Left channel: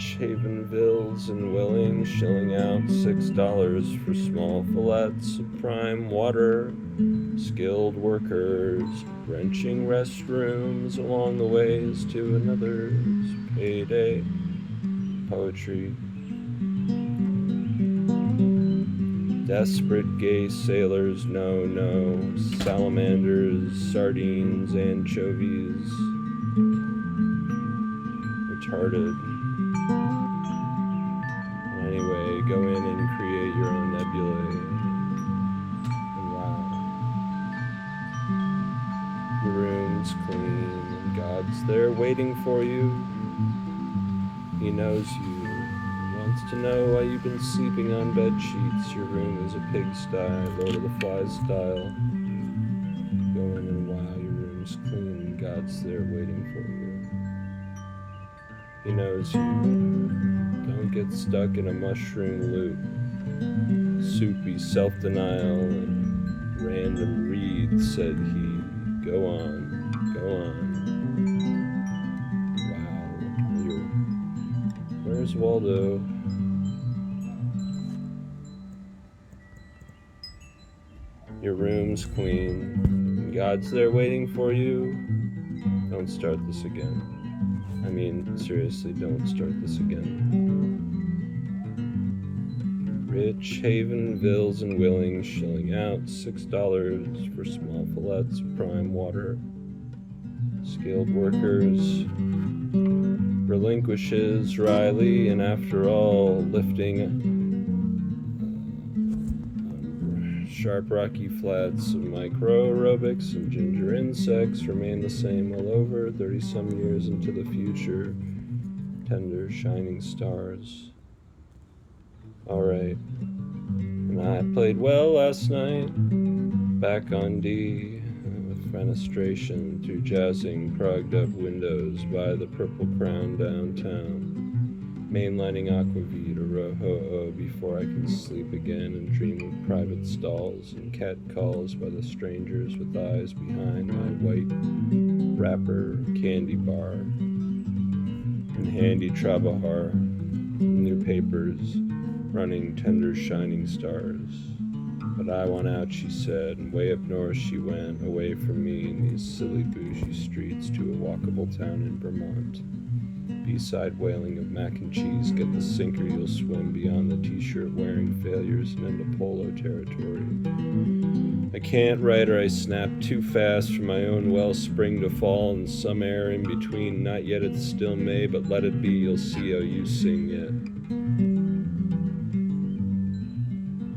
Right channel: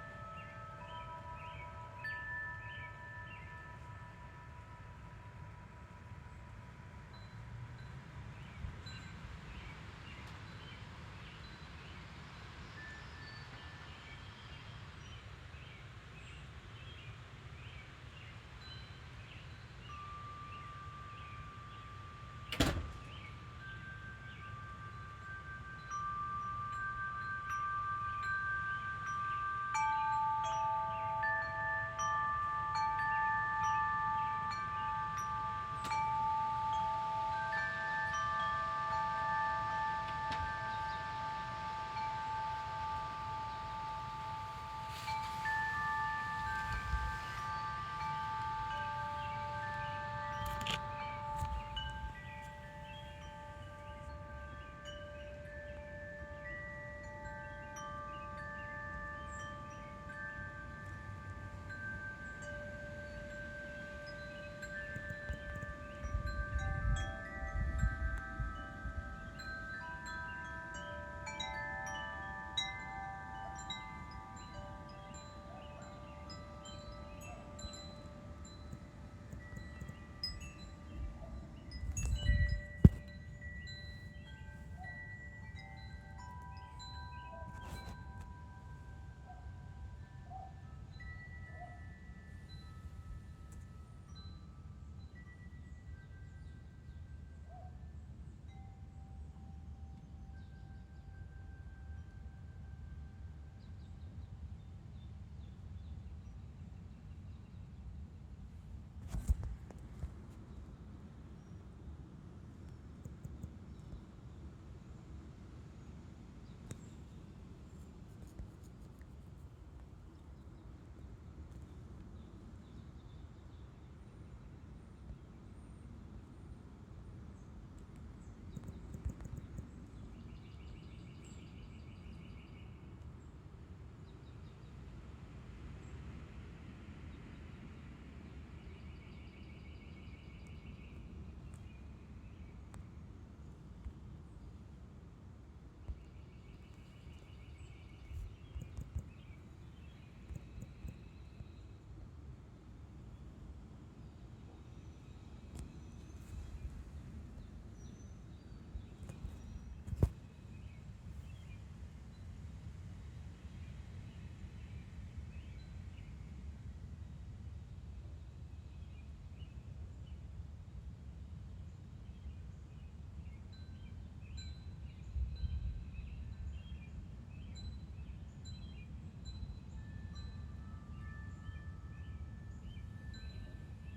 Rich Havenvilles and Willing shilling out $6 for small fillets of prime water. Skilled workers wrenching restrooms along the ways to another's payday. Poetry. Desperate gay sailors, no, salamanders, sardines, anchovies, retarded. Anyway, go in and create your own nebulae. And wow. Your room's clean, and God's there waiting for you. He knows you. Wants to know why you've been sleeping on bed sheets. Your room is a pigsty, Lord of the Flies style. Go in and wow, your room's clean, and God's there waiting for you. He knows you. Don't get stuck in a mushroom loop. Soupy self-denial and random reads, said he. Go on, go on. Where's Waldo? Your room's clean. God's there waiting for you. Don't start this again. I mean, seriously, don't start this again. Rich Havenvilles and Willing shilling out $6 for small fillets of prime water. Skilled workers relinquishes Riley, and after all, lifting sharp rocky flats of micro aerobics and ginger insects remain the same all over, 30-some years into the future. Tender, shining stars. All right. And I played well last night, back on D. Fenestration through jazzing, clogged up windows by the Purple Crown downtown, mainlining Aquavit or Roho before I can sleep again and dream of private stalls and cat calls by the strangers with eyes behind my white wrapper candy bar, and handy Trabahar, new papers, running tender shining stars. But I want out, she said, and way up north she went, away from me in these silly bougie streets to a walkable town in Vermont. B-side wailing of mac and cheese, get the sinker, you'll swim beyond the t-shirt wearing failures and into polo territory. I can't write or I snap too fast from my own wellspring to fall in some air in between, not yet it's still May, but let it be, you'll see how you sing yet.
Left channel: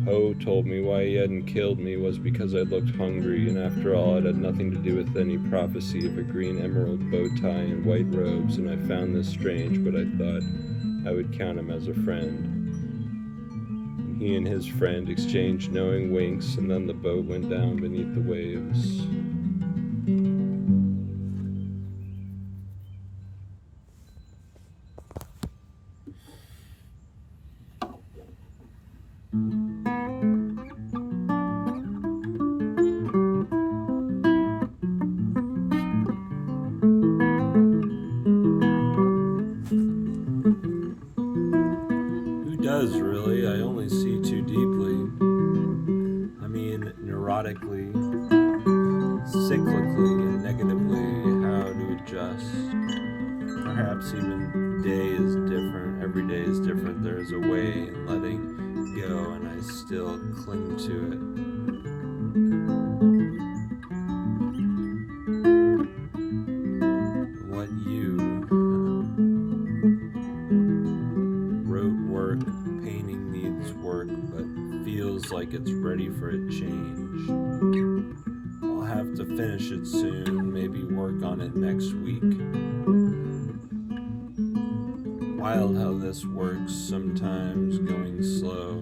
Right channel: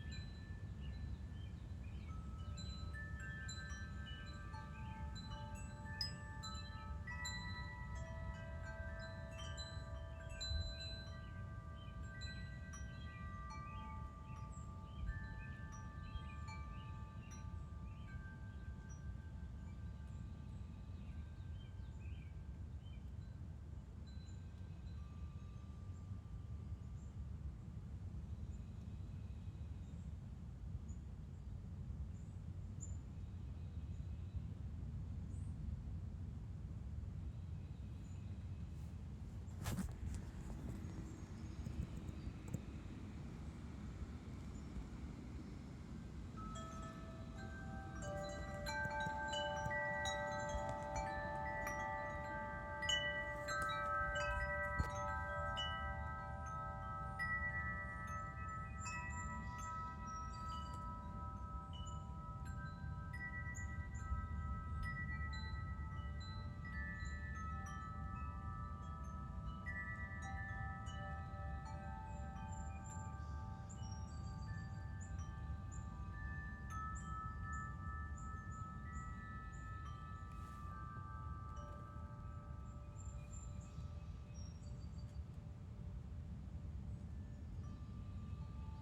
Ho told me why he hadn't killed me was because I looked hungry, and after all it had nothing to do with any prophecy of a green emerald bow tie and white robes, and I found this strange, but I thought I would count him as a friend. And he and his friend exchanged knowing winks, and then the boat went down beneath the waves. Really, I only see too deeply. I mean, neurotically, cyclically, and negatively, how to adjust. Perhaps even day is different, every day is different. There's a way in letting go, and I still cling to it. What you wrote work, painting needs work, but feels like it's ready for a change. I'll have to finish it soon, maybe work on it next week. Wild how this works, sometimes going slow.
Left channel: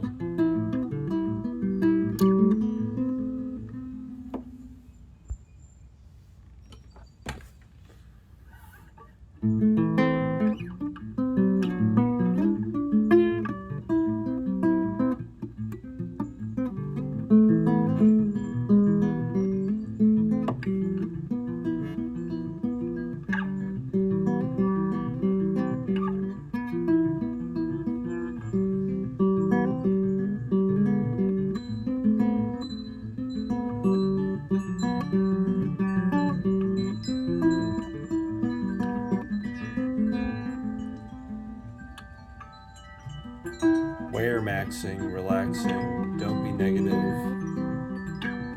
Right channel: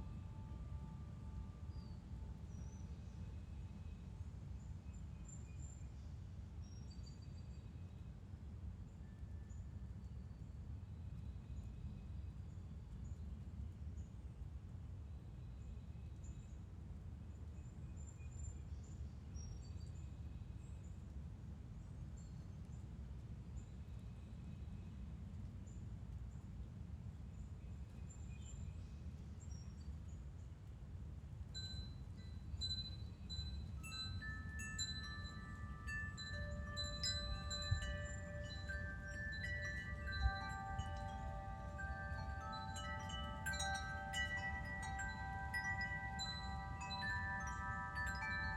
relaxing. Don't be negative.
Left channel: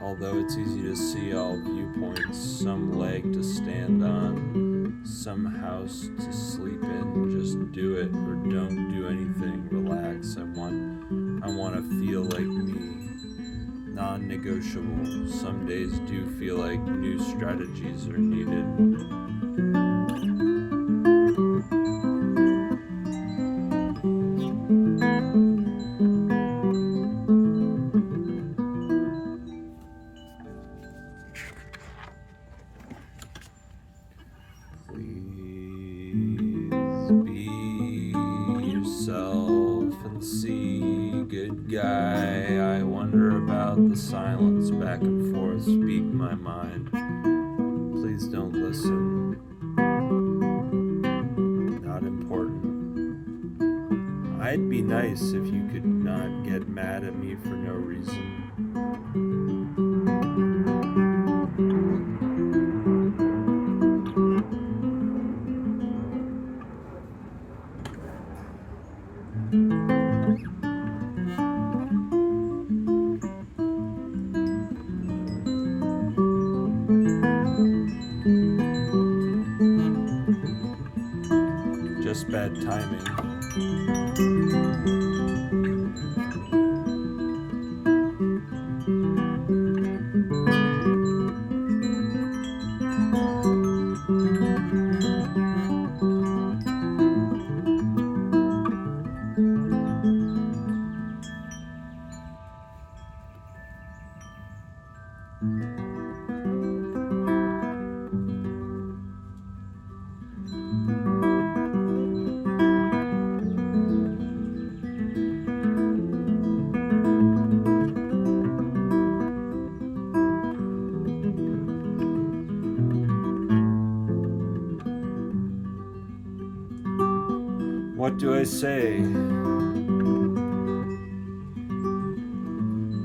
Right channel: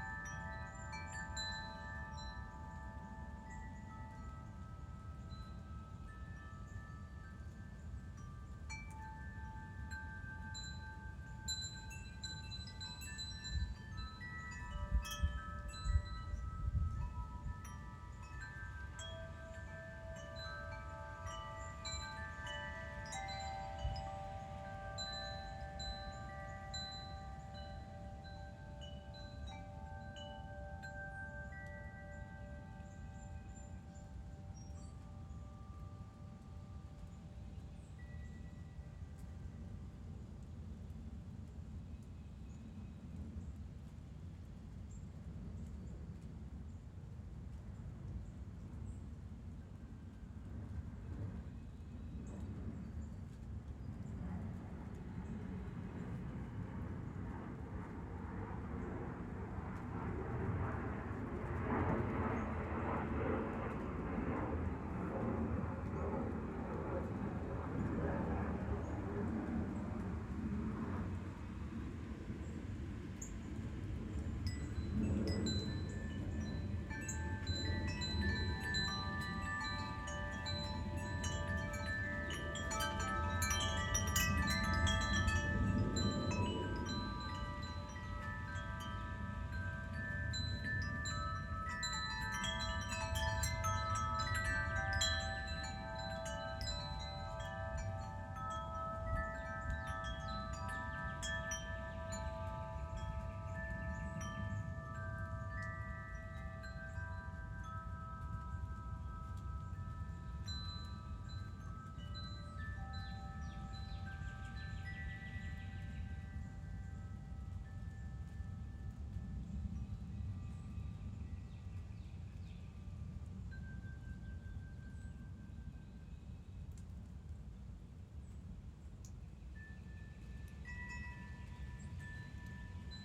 Although it's easy to see all viewpoints, some leg to stand on, some house to sleep in. Just do it or don't do anything. Relax. I want to feel like me. Non-negotiable. Some days do feel like new strategies are needed. Guy, I wonder about the silence back and forth, speak my mind. Please don't listen. Not important. I'd be nice if you could not get mad at me for no reason. Just bad timing. What do I say?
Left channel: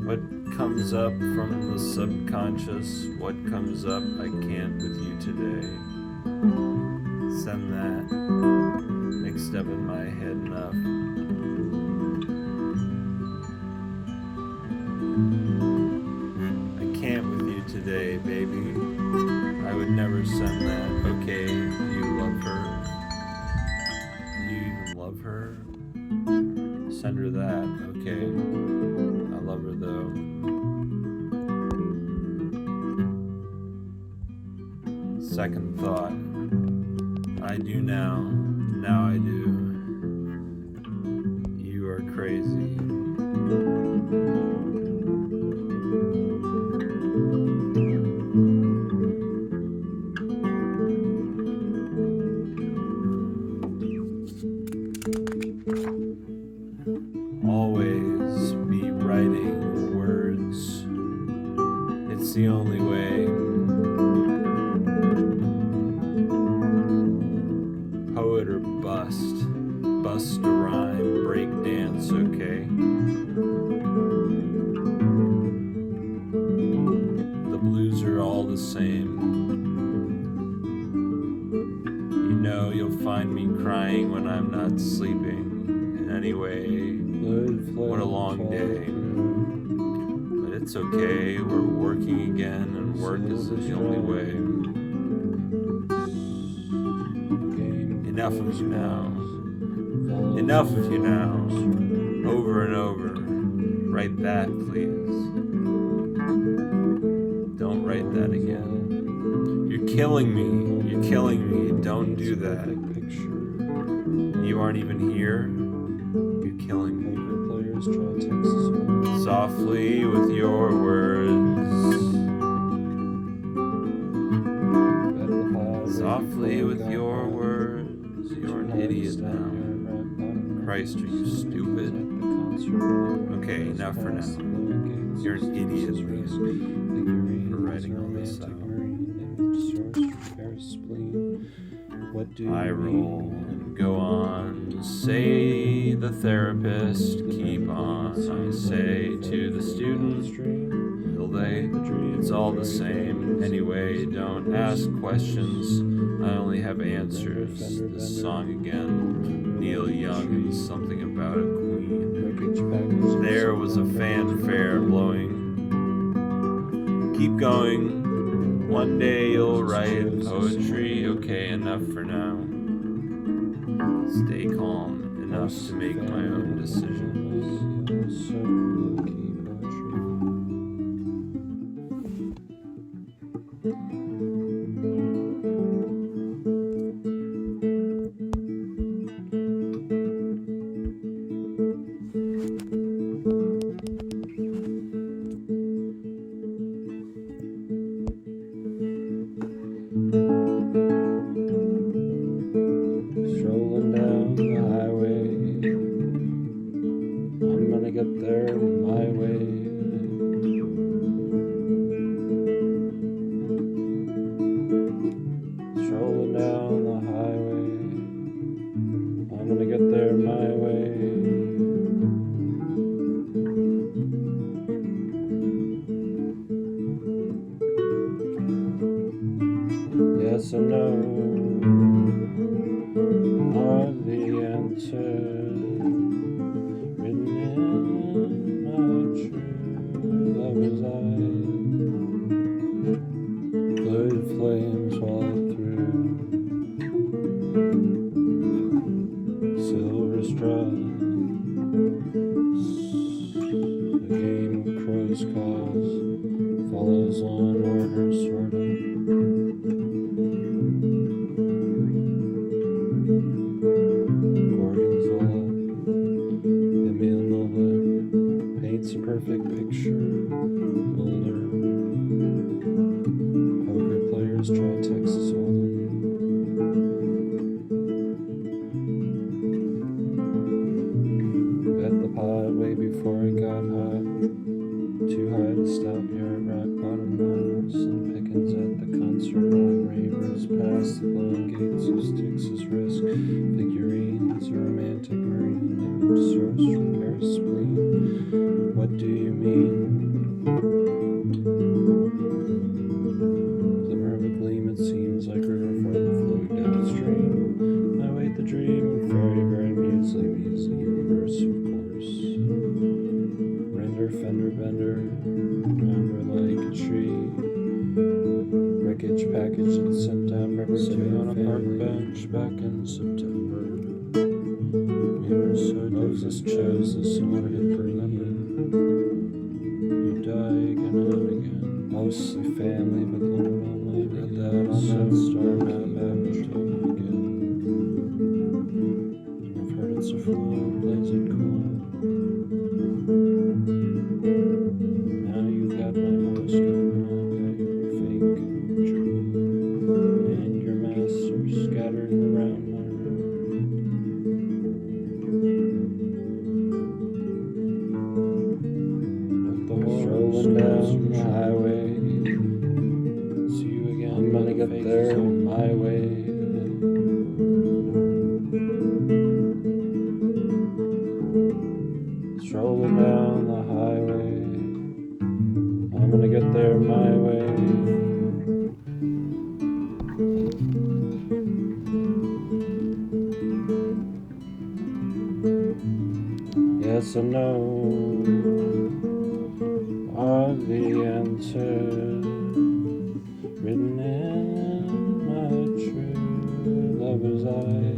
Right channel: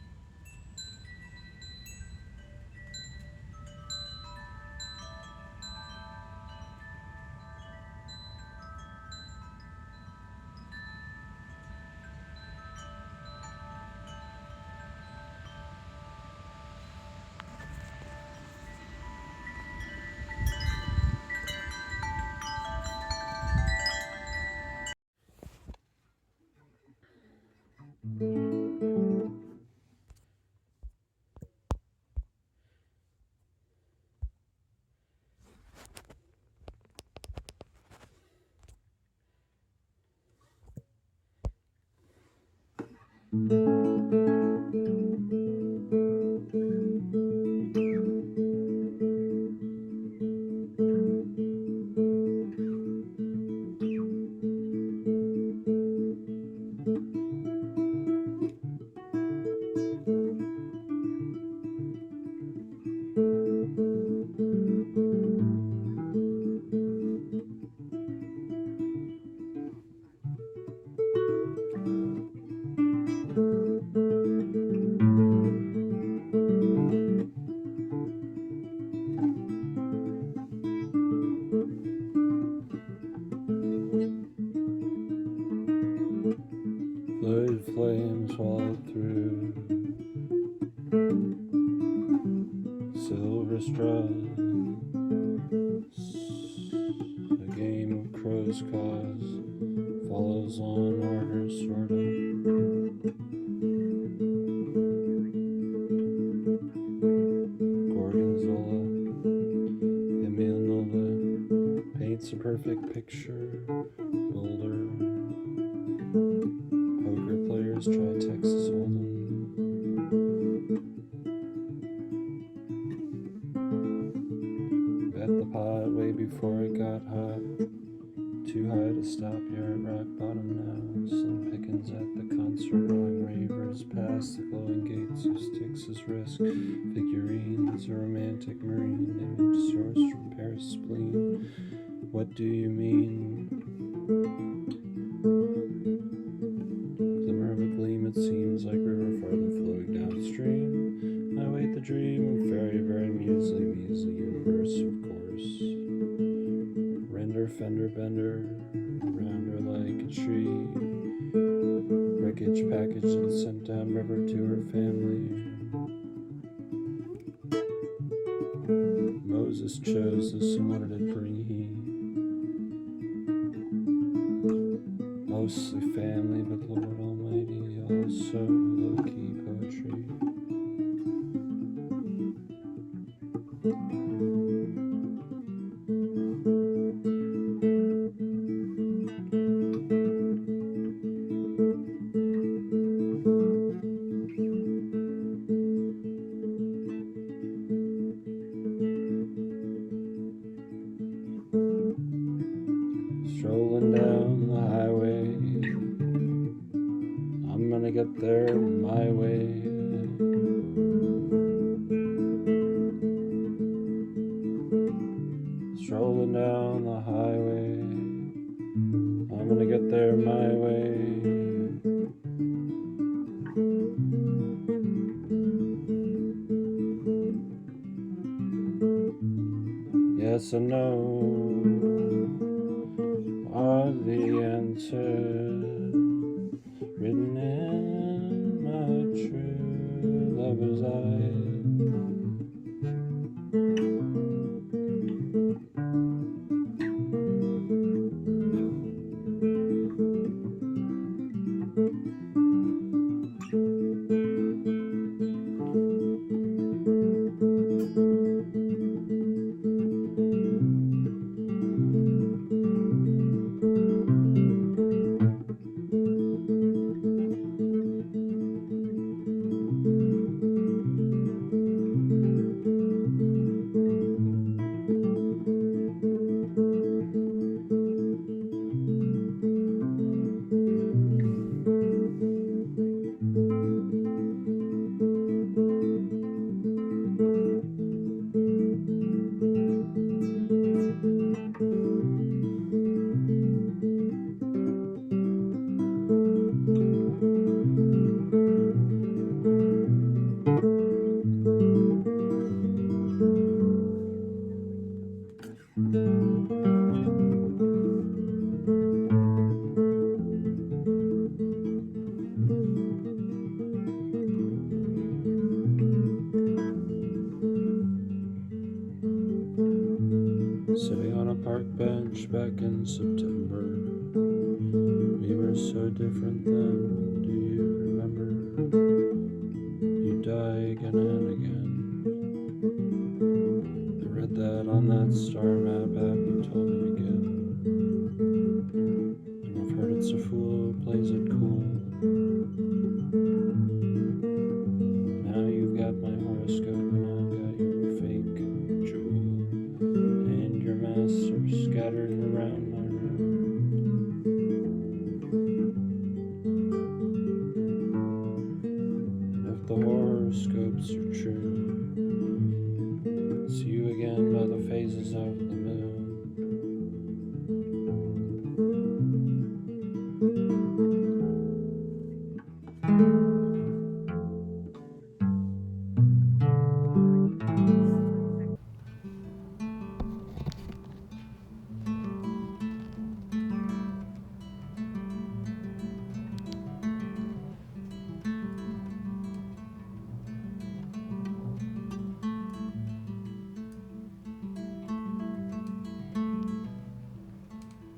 What comes up from the subconscious? What comes up? I can't with you today. Send that mixed up in my head enough. I can't with you today, baby. I would never send that. Okay, you love her. Her. Send her that, okay? I love her though. Second thought. I do now. Now I do. You are crazy. Always be writing words. It's the only way. Poet or bust. Bust a rhyme. Break dance, okay? The blues are all the same. You know you'll find me crying when I'm not sleeping. Anyway, what a long day. But it's okay, we're working again, and work is the only way. Enough of you now. Enough of you now. Over and over. Write that, please. Don't write that again. You're killing me. You're killing me. Don't do that. You aren't even here. You're killing me. Poker players try Texas Hold'em. Softly with your words. Bet the pot Softly with your words. You're an idiot now. Christ, are you stupid? Okay, now for now. You're an idiot. Figurines, romantic marine image source, Paris spleen. What do you mean? Go on, say the therapist, keep on, say to the student, will they, it's all the same, anyway, don't ask questions, I only have answers, this song again, Neil Young, something about a queen, Wreckage package. There was a fanfare blowing. Keep going. One day you'll write poetry. Okay, enough for now. Stay calm enough to make my own decisions. Also low-key poetry. Strolling down the highway, I'm gonna get there my way. Strolling down the highway, I'm gonna get there my way. Yes and no are the answers written in my true lover's eyes. Blurred flames walk through silver straws. A game of crows calls follows on order, sort of. Paints a perfect picture. Older poker players try Texas Hold'em. Bet the pot way before it got hot. Too high to stop here at rock bottom. Slim pickings at the concert hall. Ravers past the long gates of Styx's risk. Figurines, romantic marine, source from Paris spleen. What do you mean? Glimmer of a gleam, it seems like river from the float downstream. I wait the dream, fairy grand music, easy universe, of course. Render, fender, bender, number like a tree. Wreckage package in September. Sitting on a park bench back in September. We were so different, chose this way to remember. You die again and again, mostly family, but lonely. Read that on that star map app you told me again. I've heard it's a fool who plays it cool. Now you've got my horoscope and I've got your fake jewel. And your master scattered around my room. The horoscopes from the highway. See you again by the faces on my way. Strolling down the highway, I'm gonna get there my way. Yes and no are the answers written in my true lover's eyes.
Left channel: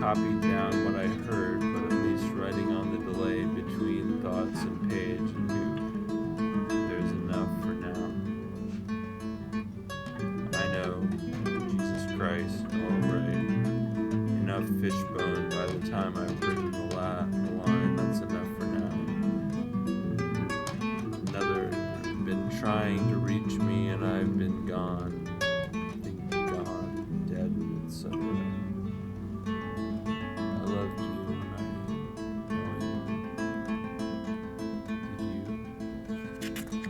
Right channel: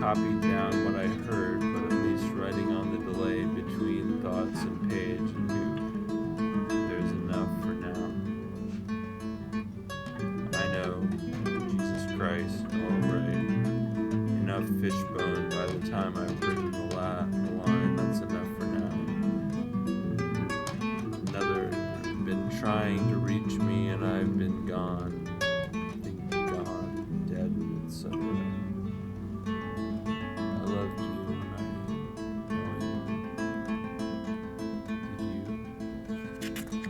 copied down what I heard, but at least writing on the delay between thoughts and page and you. There's enough for now. I know, Jesus Christ, all right. Enough fishbone by the time I've written the line. That's enough for now. Another been trying to reach me and I've been gone. Gone, dead, etc. I loved you and I know you. Did you?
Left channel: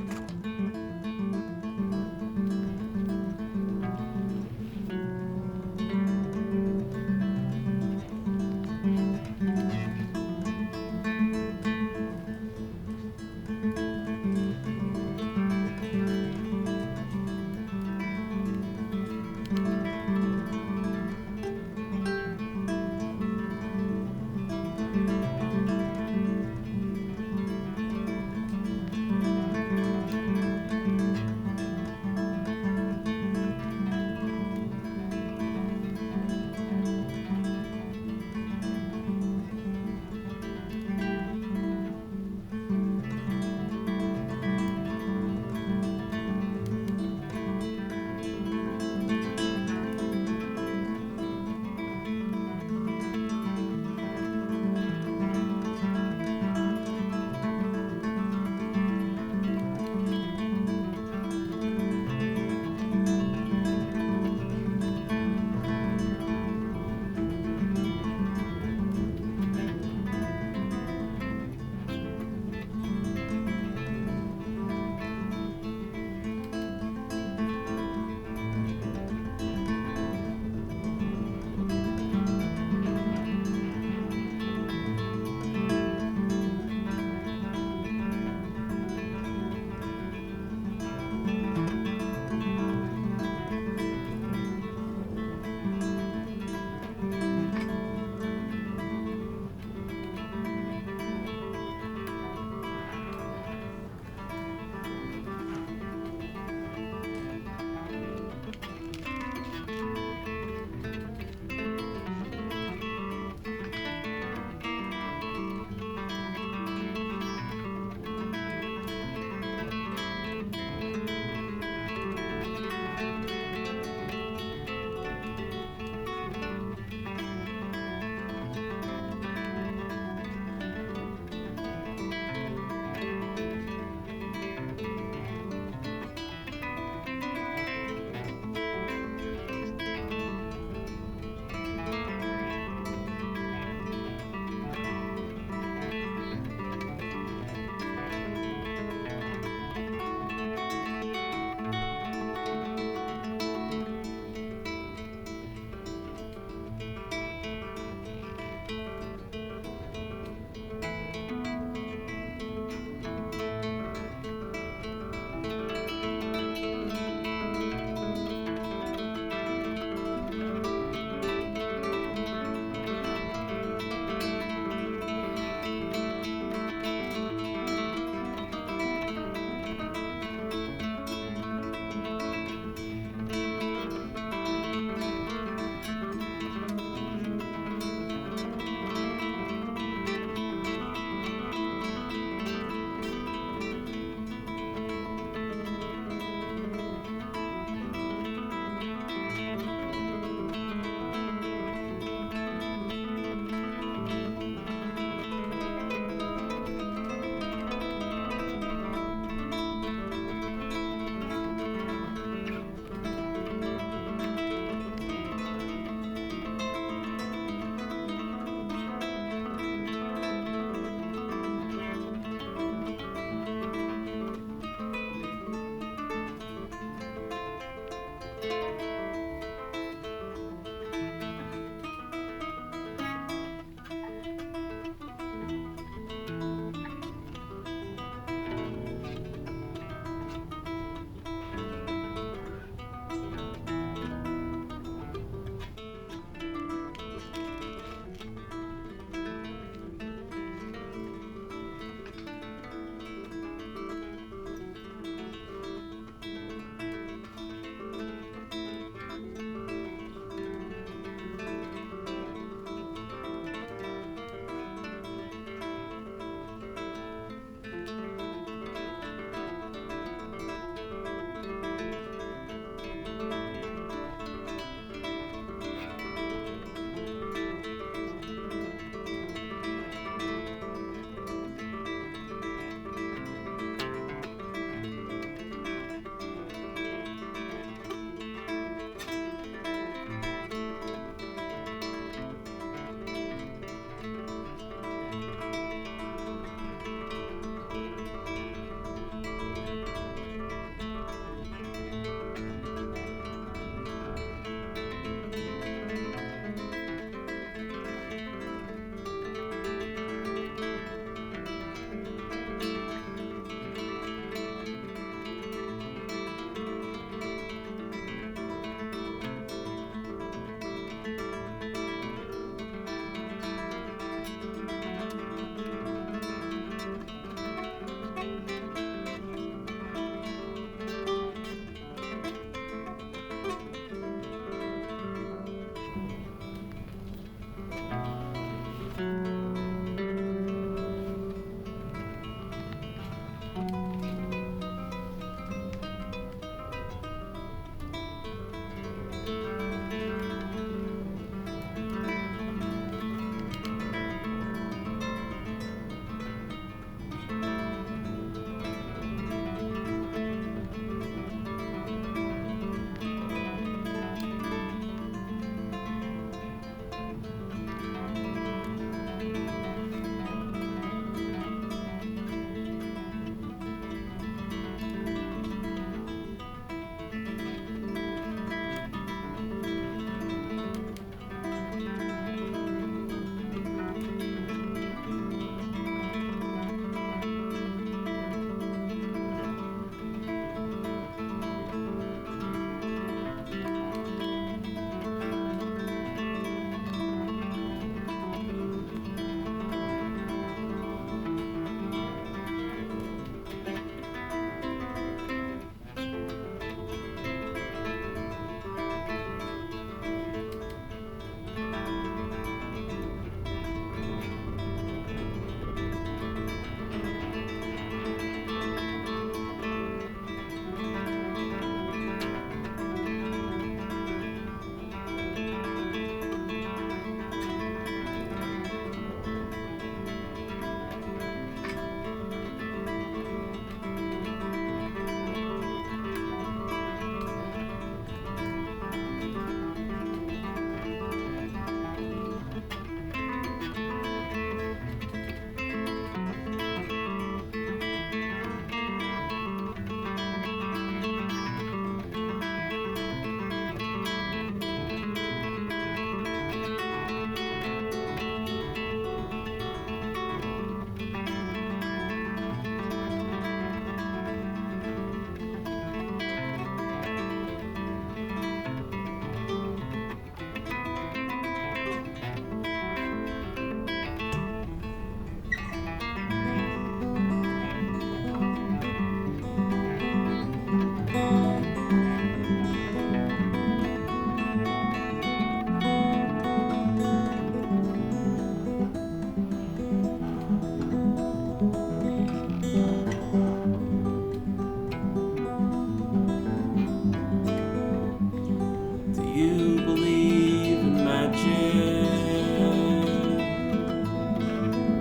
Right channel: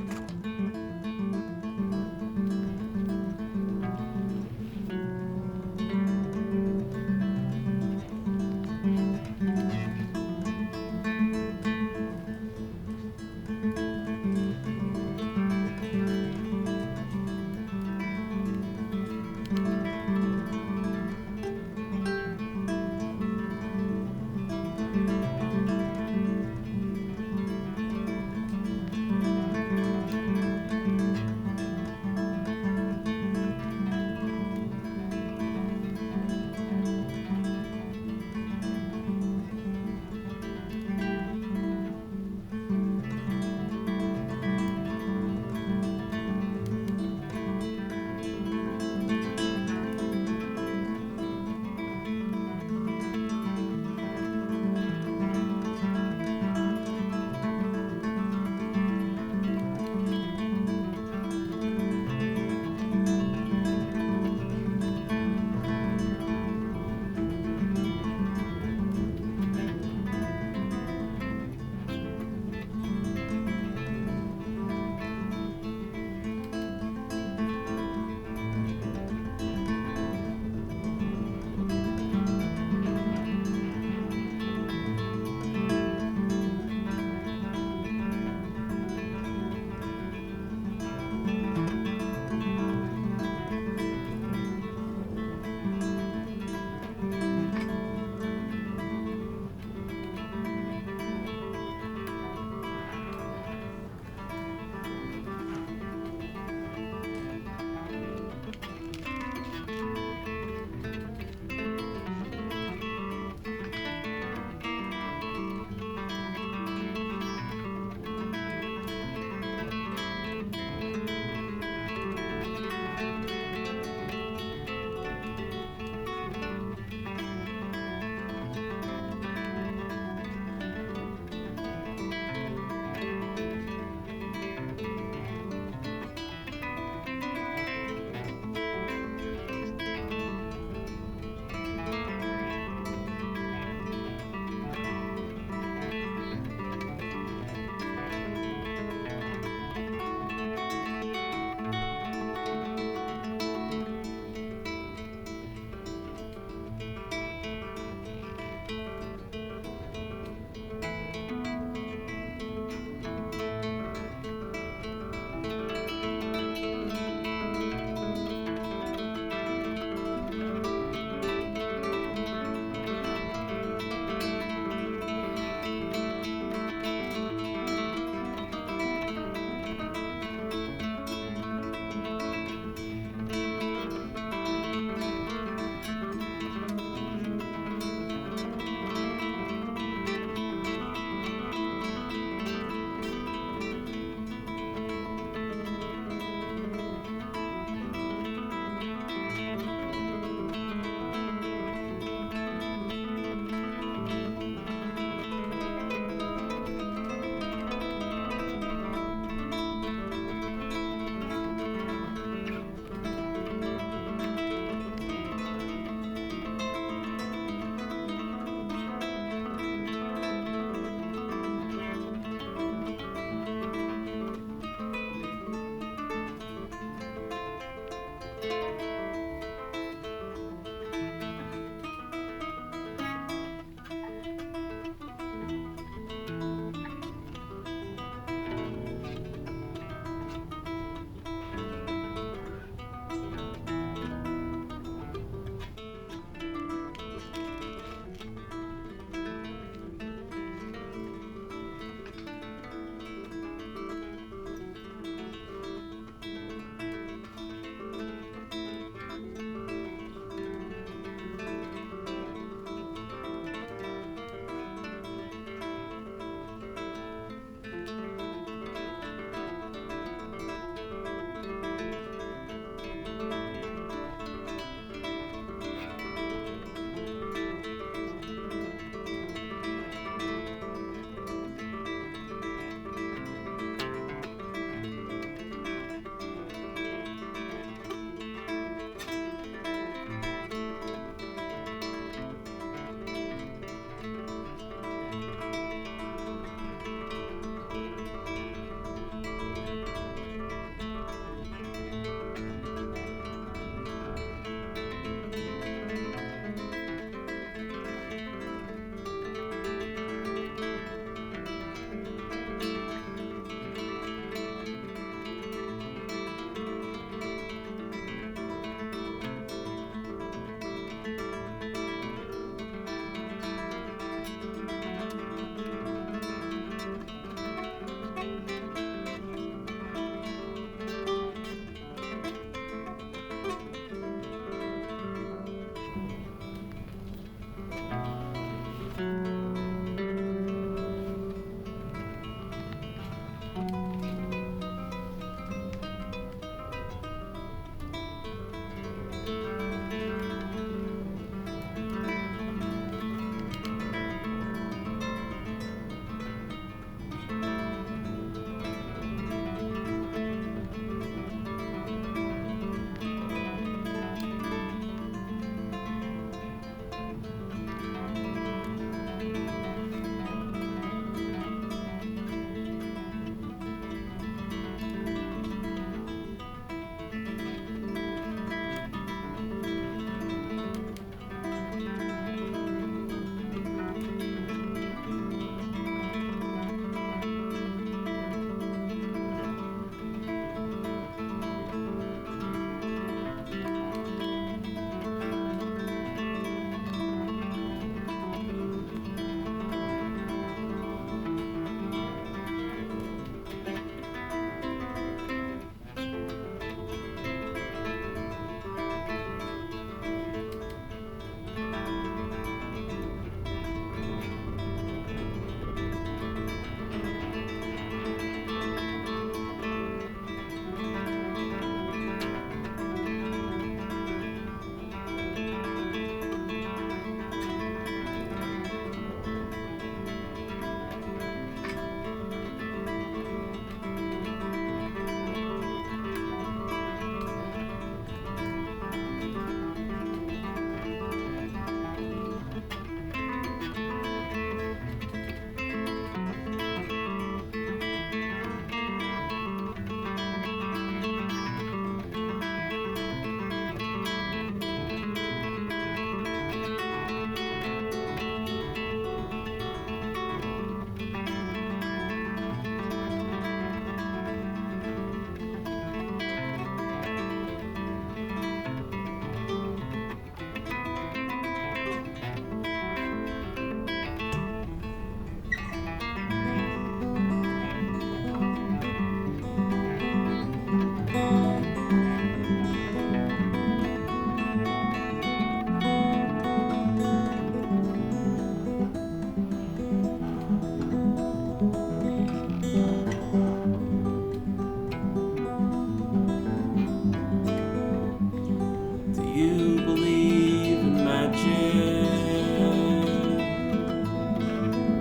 you believe in magic?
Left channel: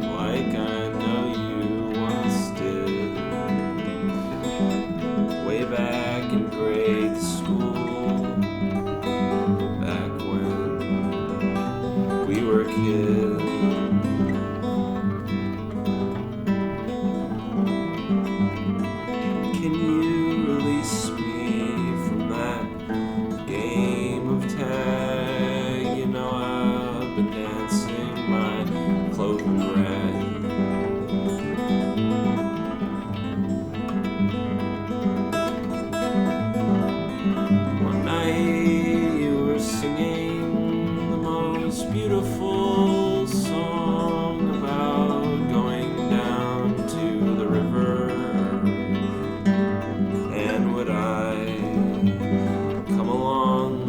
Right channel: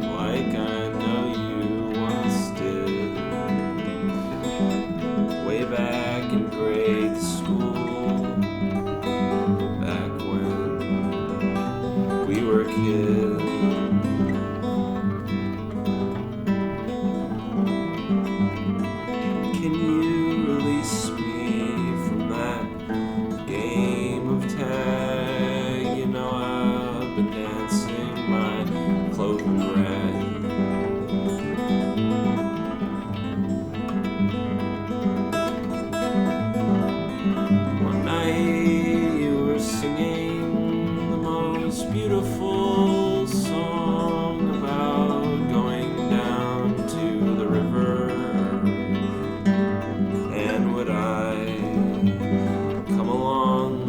Like I know you once did. Way back in grade school. Back when we were kids. Can you release me from that game of tag? You know I've been dancing my clothing rag. One night you were singing the most beautiful song about going down to the river. And would I come along?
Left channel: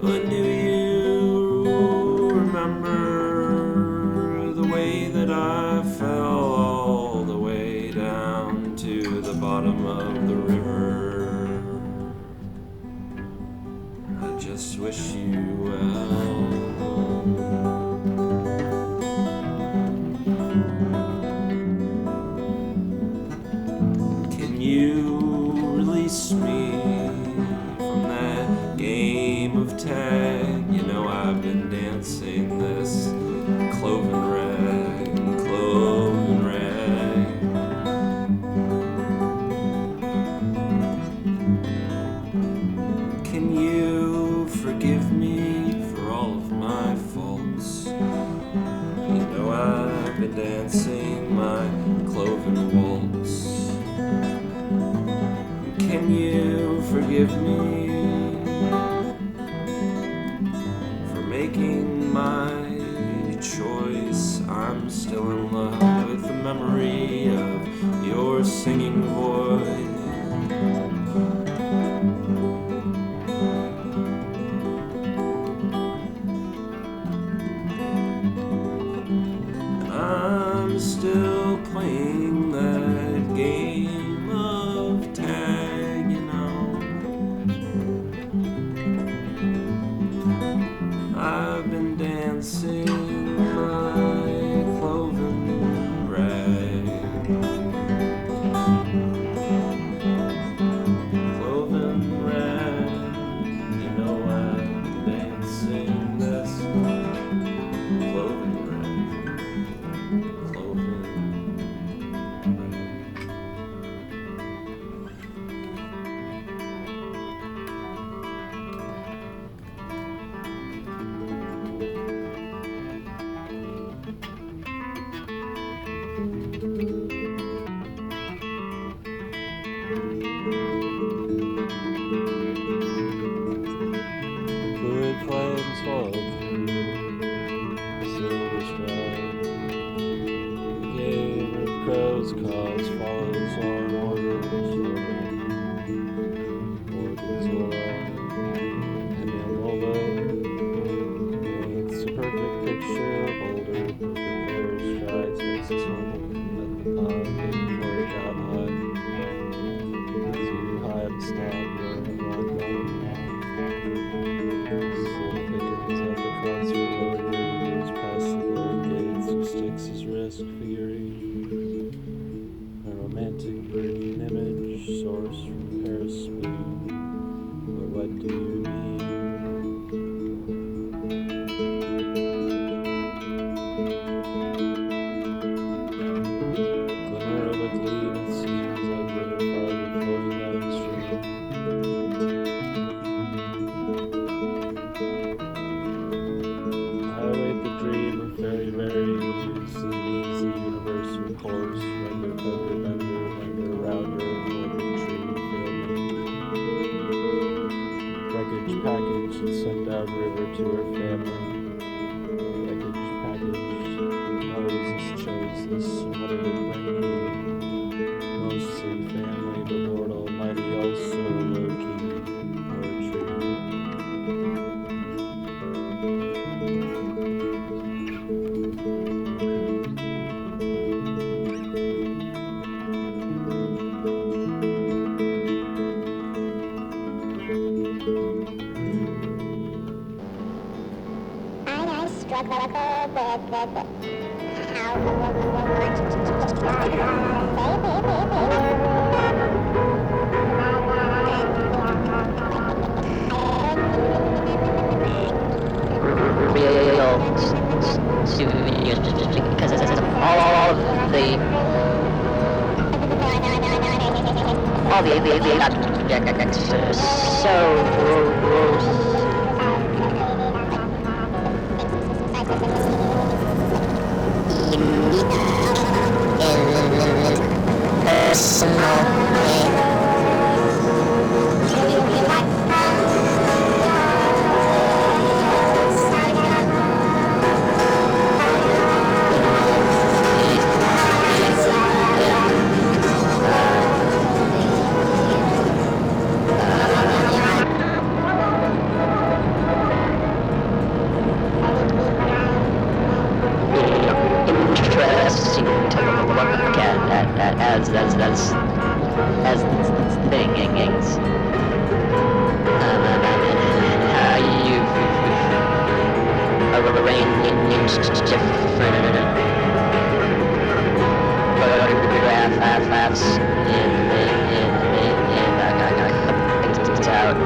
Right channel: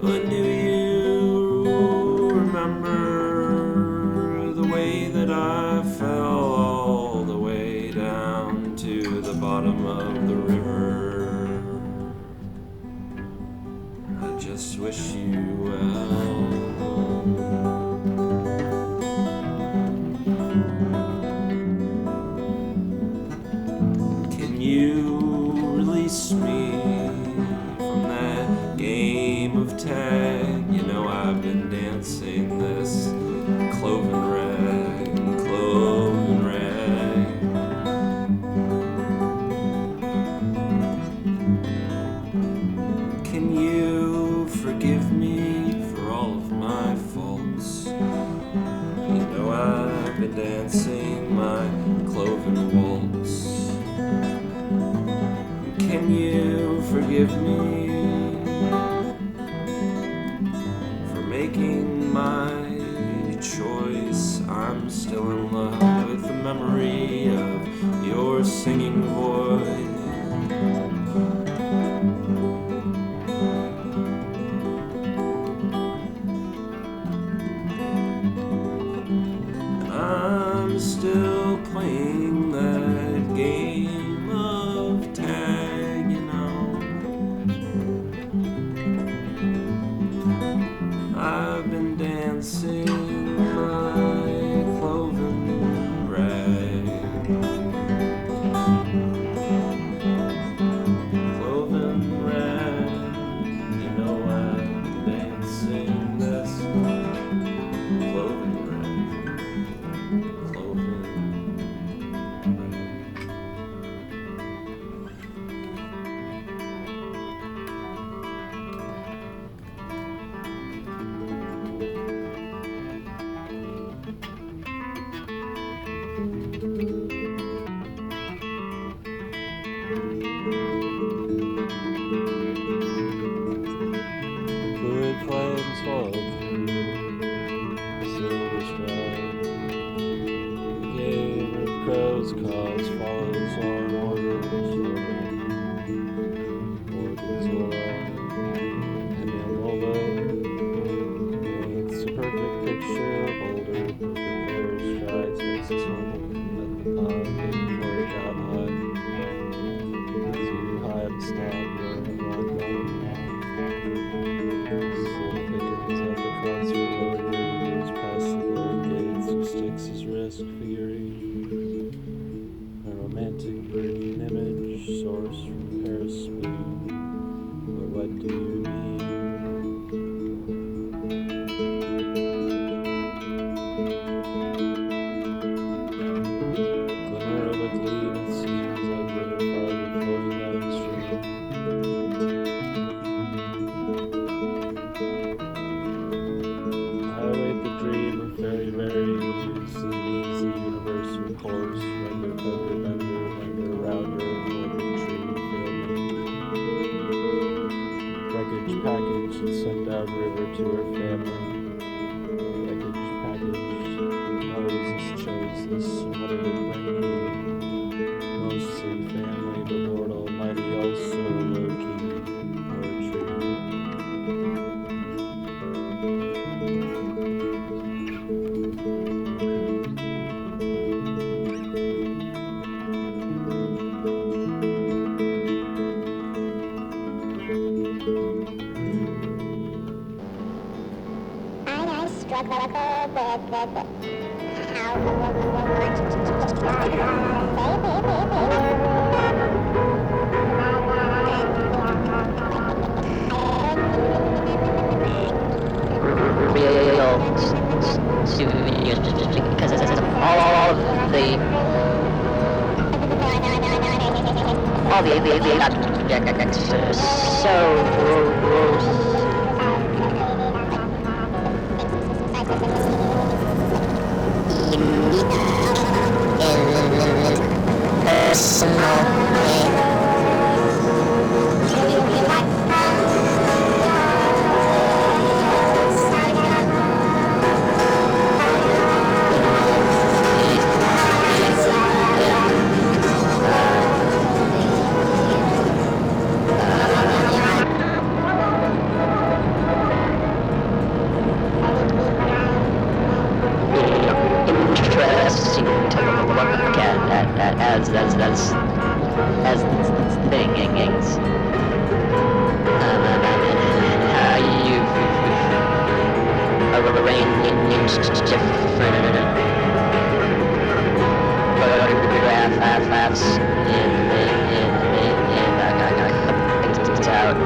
But do you remember the way that I fell all the way down to the bottom of the river? I just wish you well. Can you release me from that game of tag? You know I've been dancing this cloven rag, cloven rag. Can you forgive me for all of my faults? You know I've been dancing my cloven waltz. Can you forgive me for making my choice? I'm still in love with the memory of your singing voice. And I'm still playing that game of tag, you know. I've been dancing my cloven rag. Cloven rag, you know I've been dancing this cloven rag. Cloven rag. Fluid flames followed through the silver stride. The game of crows calls follows on orders. Organs alive. Penny paints a perfect picture of older poker strides next to him at the pond before it got hot. Too high to stop or rock on. Figures at the concert road radios past the glowing gates of Styx's wrist figurine. A romantic green image sourced from Paris blue. But what do you mean? Glimmer of a gleam, it seems like river farther flowing downstream. I await the dream of very, very easy universal course. Render, bender, bender, render, rounder, golden tree, wreckage package and sent downriver to her family. Wreckage package. Moses chose this. What did it bring me? Mostly family, but Lord Almighty also low-key poetry. real studios because all the objects are so interesting to look at as things. How you've arranged different photographs in out.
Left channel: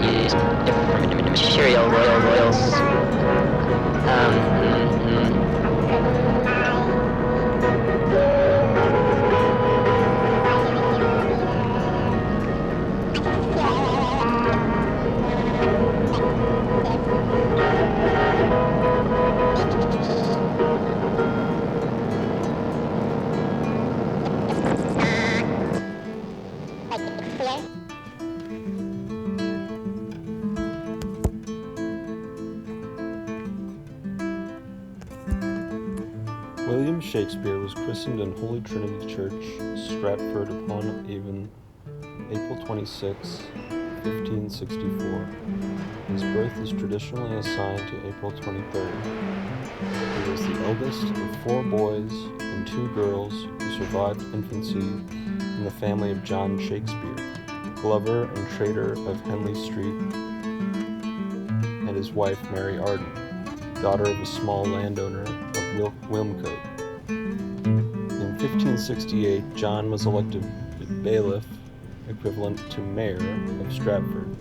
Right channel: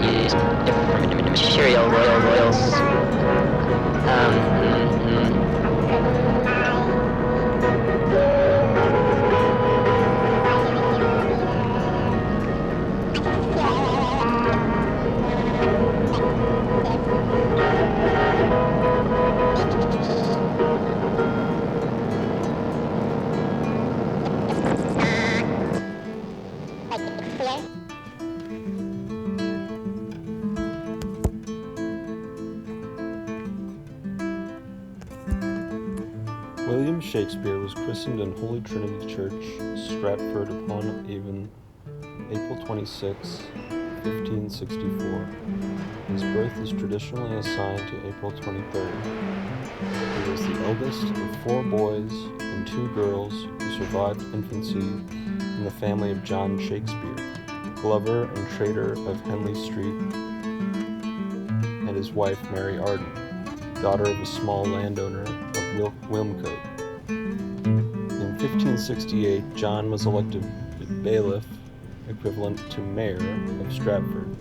Use different material royals. William Shakespeare was christened in Holy Trinity Church, Stratford upon Avon, April 26, 1564. His birth is traditionally assigned to April 23rd. He was the eldest of 4 boys and 2 girls who survived infancy in the family of John Shakespeare, glover and trader of Henley Street, and his wife Mary Arden, daughter of a small landowner of Wilmcote. In 1568, John was elected bailiff, equivalent to mayor of Stratford.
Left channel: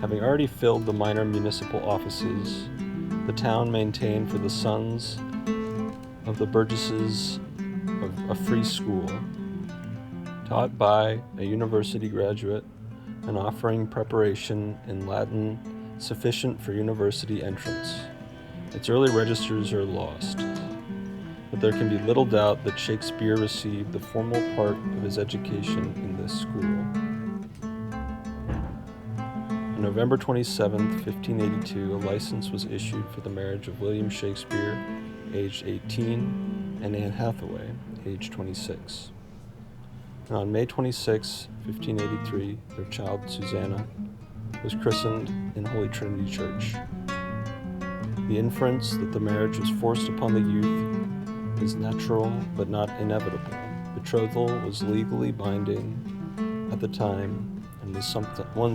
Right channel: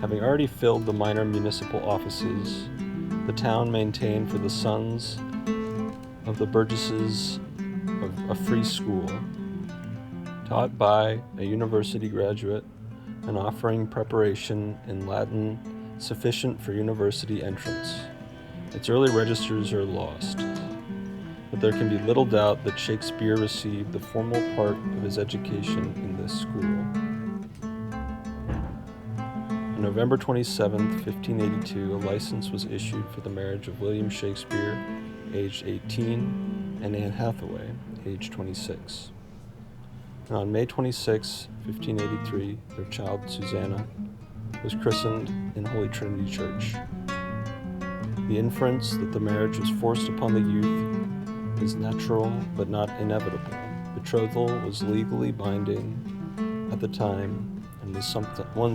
Having already filled the minor municipal offices, the town maintained for the sons of the burgesses of a free school, taught by a university graduate and offering preparation in Latin sufficient for university entrance. Its early registers are lost, but there can be little doubt that Shakespeare received the formal part of his education in this school. On November 27, 1582, a license was issued for the marriage of William Shakespeare, aged 18, and Anne Hathaway, aged 26. And on May 26, 1583, their child Susanna was christened in Holy Trinity Church. The inference that the marriage was forced upon the youth is natural but not inevitable. Betrothal was legally binding at the time and was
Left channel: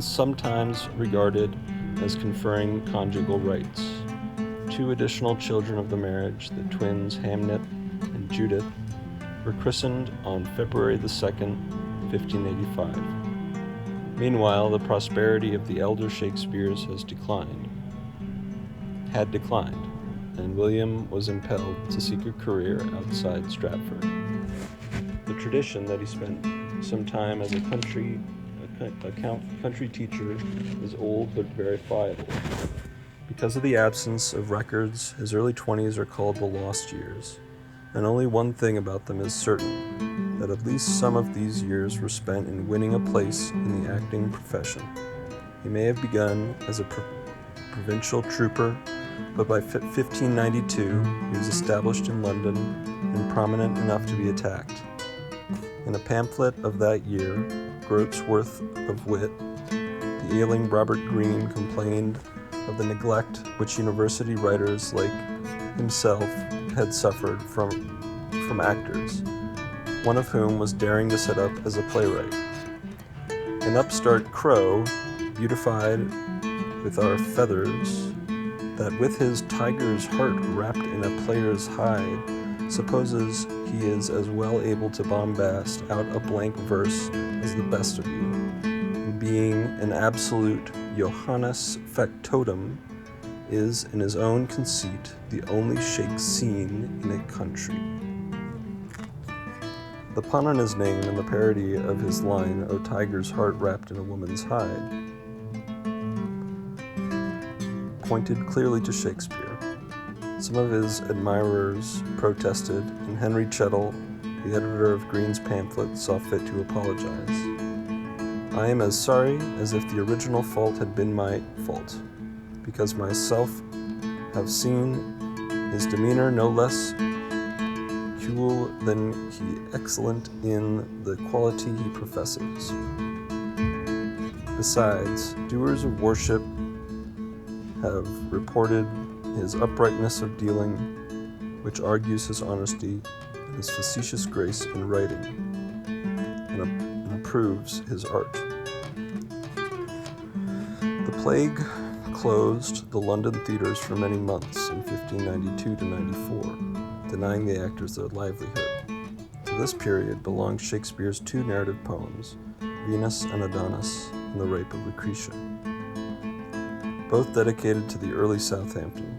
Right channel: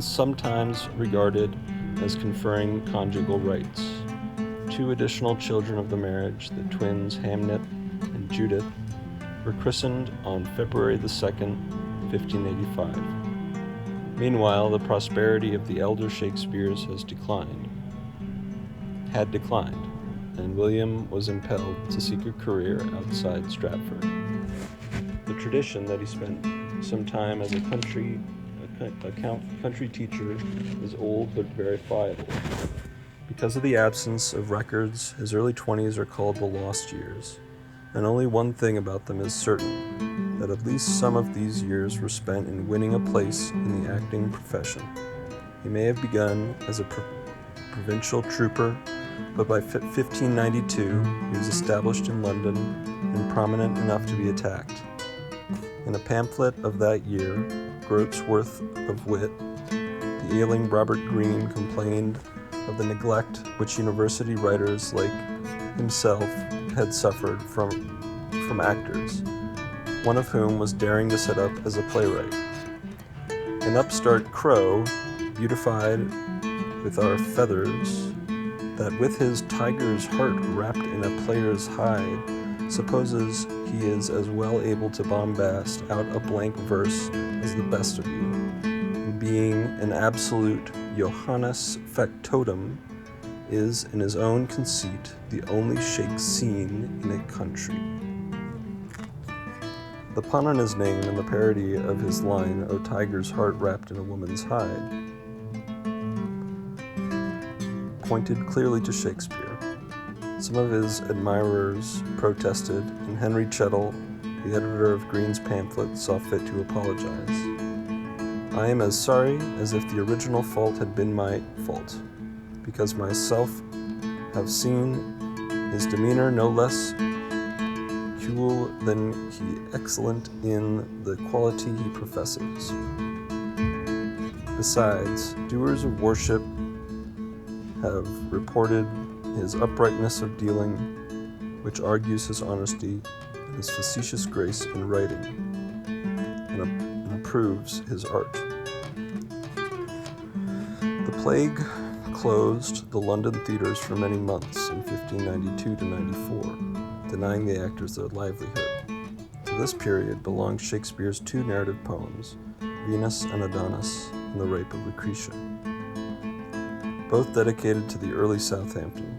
sometimes regarded as conferring conjugal rights. 2 additional children of the marriage, the twins Hamnet and Judith, were christened on February the 2nd, 1585. Meanwhile, the prosperity of the elder Shakespeares had declined, and William was impelled to seek a career outside Stratford. The tradition that he spent some time as a country teacher is old but verifiable. Because of the absence of records, his early 20s are called the lost years, and only one thing about them is certain, that at least some of these years were spent in winning a place in the acting profession. He may have begun as a provincial trooper, but by 1592 he was established in London and prominent enough to be attacked. In a pamphlet of that year, Groat's Worth of Wit, the ailing Robert Greene complained of the neglect which university writers like himself had suffered from actors, one of whom was daring to set up as a playwright. An upstart crow beautified with our feathers, that with his tiger's heart wrapped in a player's hide, supposes he is as well able to bombast out a blank verse as the best of you, and being an absolute Johannes factotum, is in his own conceit the only shake seen in a country. The pun on his name and the parody of his line, "O tiger's heart wrapped in a woman's hide," pointed clearly to Shakespeare. Some of his admirers protested, and Henry Chettle, the editor of Green's pamphlet, saw fit to apologize. "I am as sorry as if the original fault had been my fault, because myself have seen his demeanor no less cool than he excellent in the quality he professes. Besides, doers of worship have reported his uprightness of dealing, which argues his honesty and his facetious grace in writing, and approves his art." The plague closed the London theatres for many months in 1592 to 94, denying the actors their livelihood. To this period belong Shakespeare's two narrative poems, Venus and Adonis and The Rape of Lucretia, both dedicated to the Earl of Southampton.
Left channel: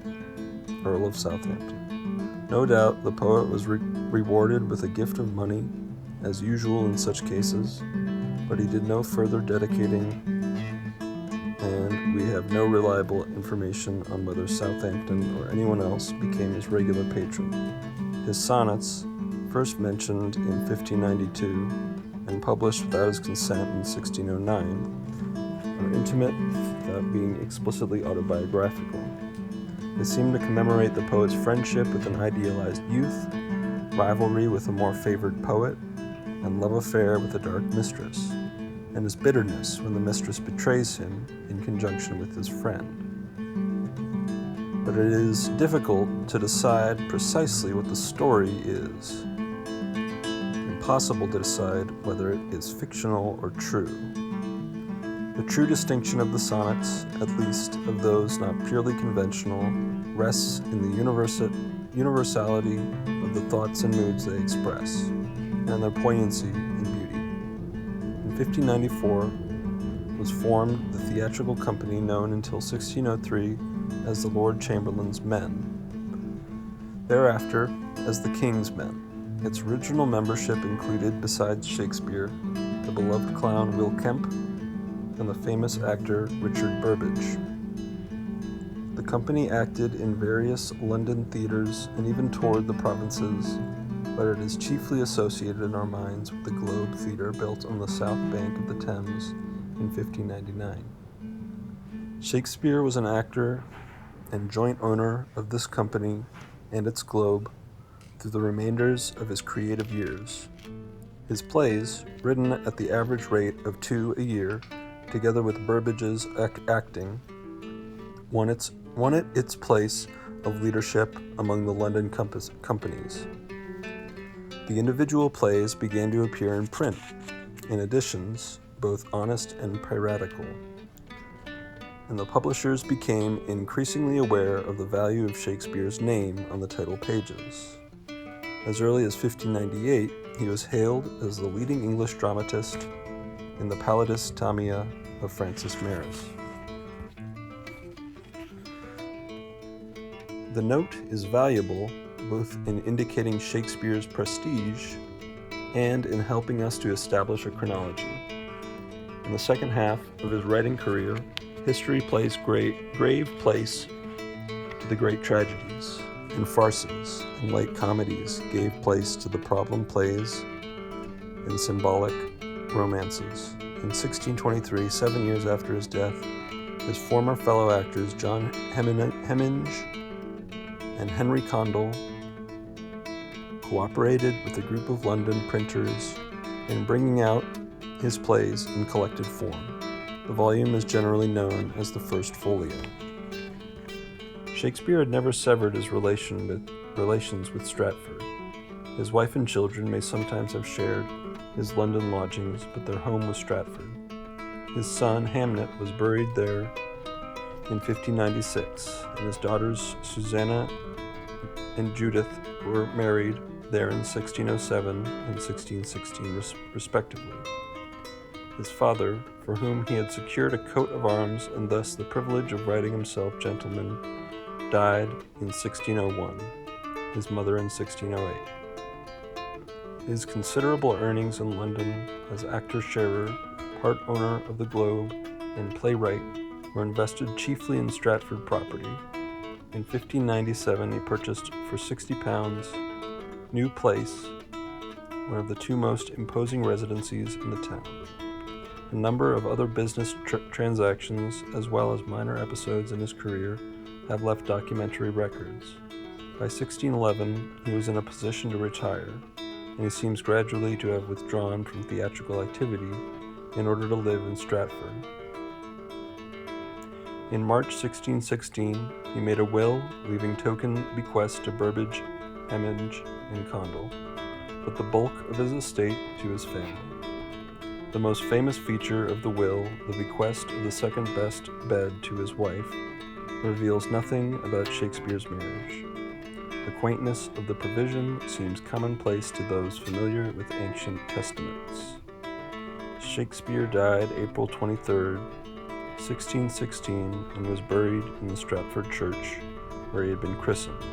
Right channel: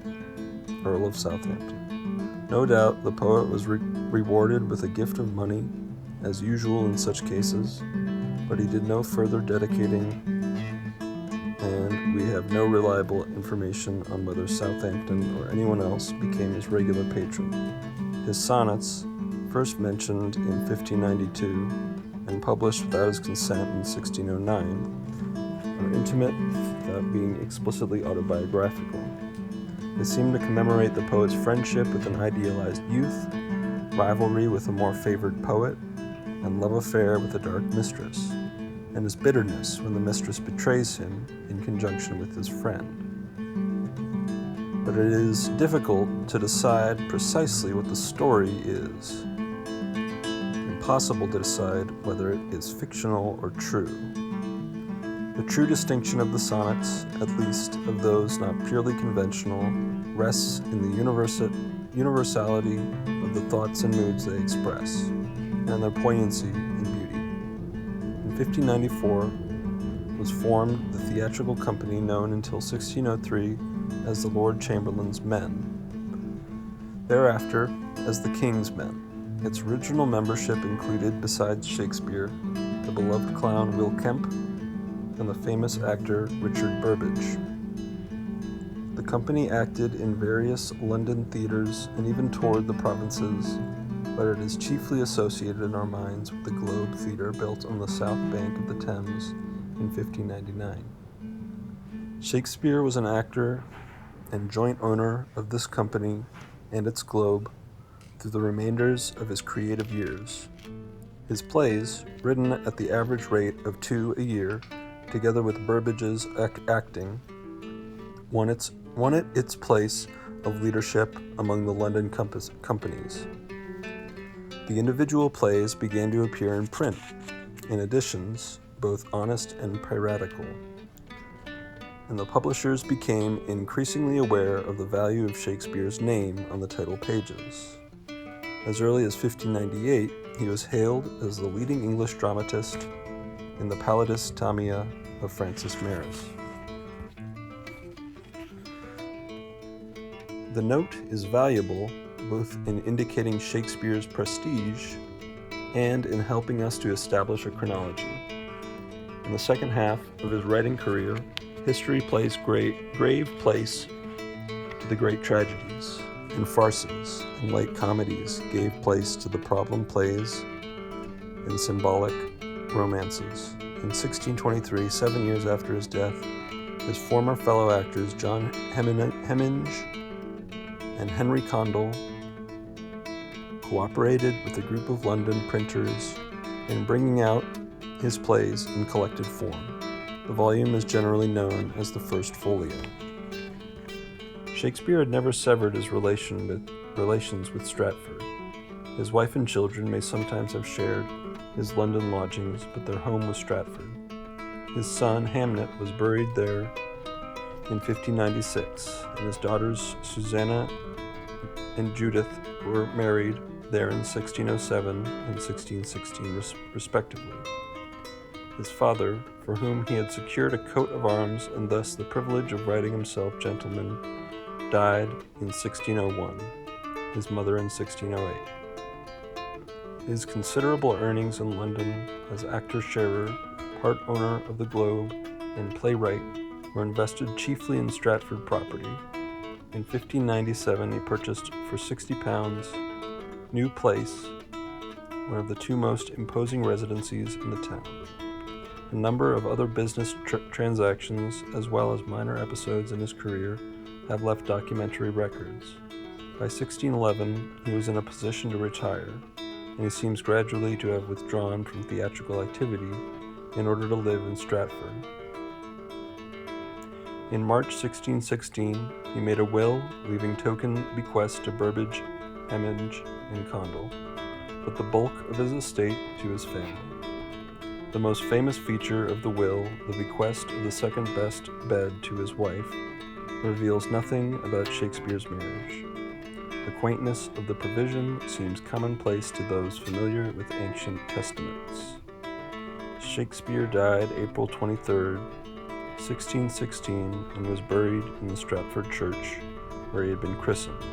No doubt the poet was rewarded with a gift of money, as usual in such cases, but he did no further dedicating, and we have no reliable information on whether Southampton or anyone else became his regular patron. His sonnets, first mentioned in 1592 and published without his consent in 1609, are intimate without being explicitly autobiographical. They seem to commemorate the poet's friendship with an idealized youth, rivalry with a more favored poet, and love affair with a dark mistress, and his bitterness when the mistress betrays him in conjunction with his friend. But it is difficult to decide precisely what the story is. Impossible to decide whether it is fictional or true. The true distinction of the sonnets, at least of those not purely conventional, rests in the universality of the thoughts and moods they express, and their poignancy and beauty. In 1594 was formed the theatrical company known until 1603 as the Lord Chamberlain's Men, thereafter as the King's Men. Its original membership included, besides Shakespeare, the beloved clown Will Kemp and the famous actor Richard Burbage. The company acted in various London theatres and even toured the provinces, but it is chiefly associated in our minds with the Globe Theatre built on the south bank of the Thames in 1599. Shakespeare was an actor and joint owner of this company and its Globe through the remainders of his creative years. His plays, written at the average rate of 2 a year, together with Burbage's acting, won it its place of leadership among the London companies. The individual plays began to appear in print, in editions both honest and piratical, and the publishers became increasingly aware of the value of Shakespeare's name on the title pages. As early as 1598, he was hailed as the leading English dramatist in the Pallidus Tamia of Francis Meres. The note is valuable both in indicating Shakespeare's prestige and in helping us to establish a chronology. In the second half of his writing career, history plays grave place to the great tragedies, and farces and light comedies gave place to the problem plays and symbolic romances. In 1623, 7 years after his death, his former fellow actors John Hemminge and Henry Condell cooperated with a group of London printers in bringing out his plays in collected form. The volume is generally known as the First Folio. Shakespeare had never severed his relations with Stratford. His wife and children may sometimes have shared his London lodgings, but their home was Stratford. His son, Hamnet, was buried there in 1596, and his daughters Susanna and Judith were married there in 1607 and 1616 respectively. His father, for whom he had secured a coat of arms and thus the privilege of writing himself gentleman, died in 1601, his mother in 1608. His considerable earnings in London as actor-sharer, part owner of the Globe, and playwright were invested chiefly in Stratford property. In 1597 he purchased for £60 New Place, one of the two most imposing residencies in the town. A number of other business transactions, as well as minor episodes in his career, have left documentary records. By 1611 he was in a position to retire, and he seems gradually to have withdrawn from theatrical activity in order to live in Stratford. In March 1616, he made a will leaving token bequests to Burbage, Hemming, and Condell, but the bulk of his estate to his family. The most famous feature of the will, the bequest of the second best bed to his wife, reveals nothing about Shakespeare's marriage. The quaintness of the provision seems commonplace to those familiar with ancient testaments. Shakespeare died April 23, 1616, and was buried in the Stratford Church, where he had been christened.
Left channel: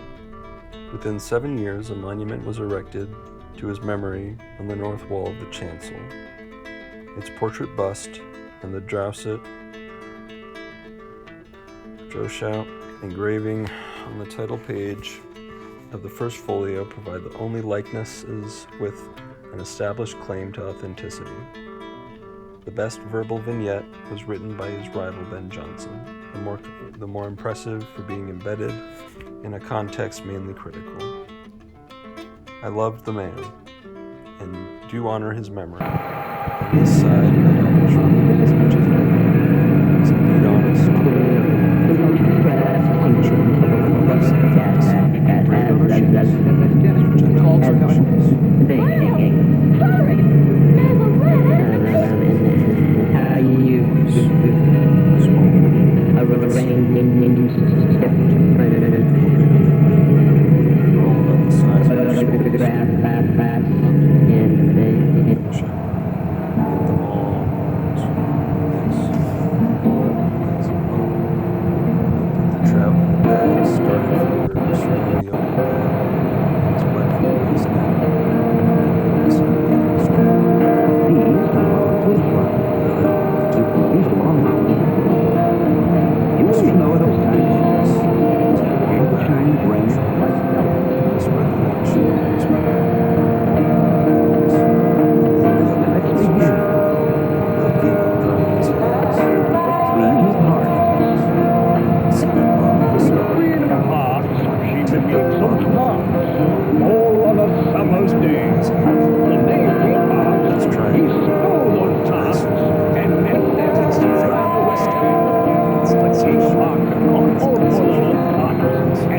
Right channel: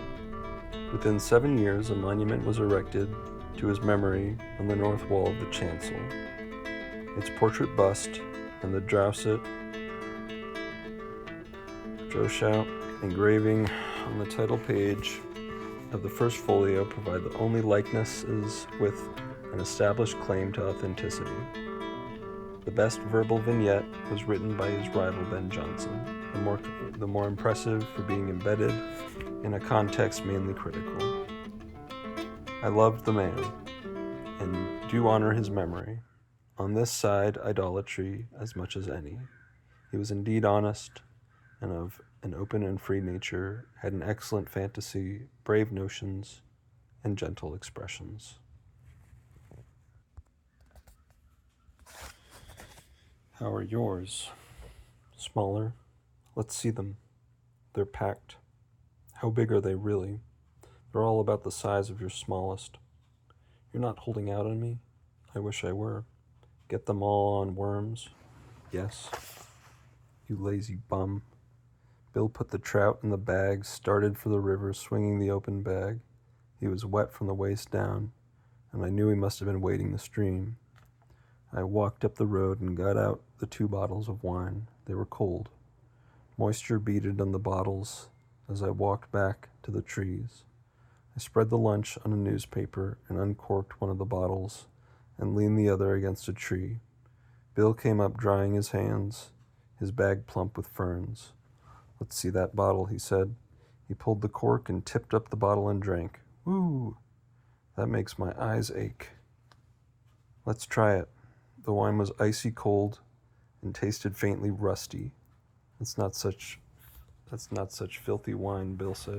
Within 7 years, a monument was erected to his memory on the north wall of the chancel. Its portrait bust and the Drousset engraving on the title page of the first folio provide the only likenesses with an established claim to authenticity. The best verbal vignette was written by his rival Ben Jonson, the more impressive for being embedded in a context mainly critical. I loved the man, and do honor his memory. On this side, idolatry, as much as I know. He was indeed honest, for nature, had excellent fantasy, brave emotions, and gentle expressions. Smaller, let's see, the tact. How big are they really? They're all about the size of your smallest. Not I wish I were. Get them all on worms. Yes. Lazy bum. Bill put the trout in the bag, started for the river, swinging the open bag. He was wet from the waist down. I knew he must have been wading the stream. I walked up the road, got out the 2 bottles of water. Moisture beating in the bottles as I walked back to the bright trees. I spread the lunch in the newspaper, poured one of the bottles, and leaned the other against a tree. Bill came up drying his hands, his back plugged with ferns. I'd see that bottle, he said. I pulled the cork and tipped up the bottle and drank. That makes my eyes ache. Let's try it. The wine was icy cold, tasted faintly musty. It's not such faith in my hands. I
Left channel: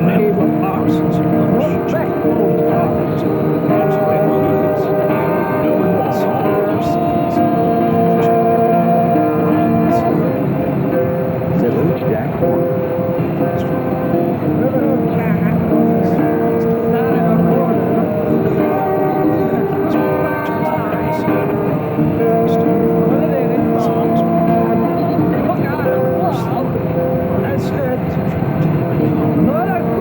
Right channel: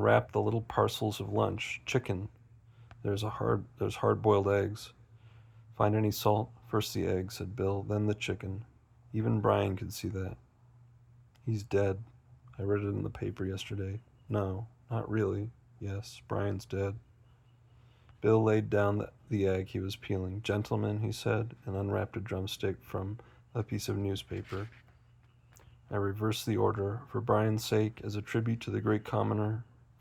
wrapped the parcels of lunch, chicken, there's hard-boiled eggs, mined the salt, first the eggs, and then the chicken, Brian and Celia. He's dead. Ordered it on paper yesterday. Yes, Brian's dead. Bill laid down the egg he was peeling, gently on his head, and he drumstick for his almost beaten. I reversed the order. Brian's sake is a tribute to the great common.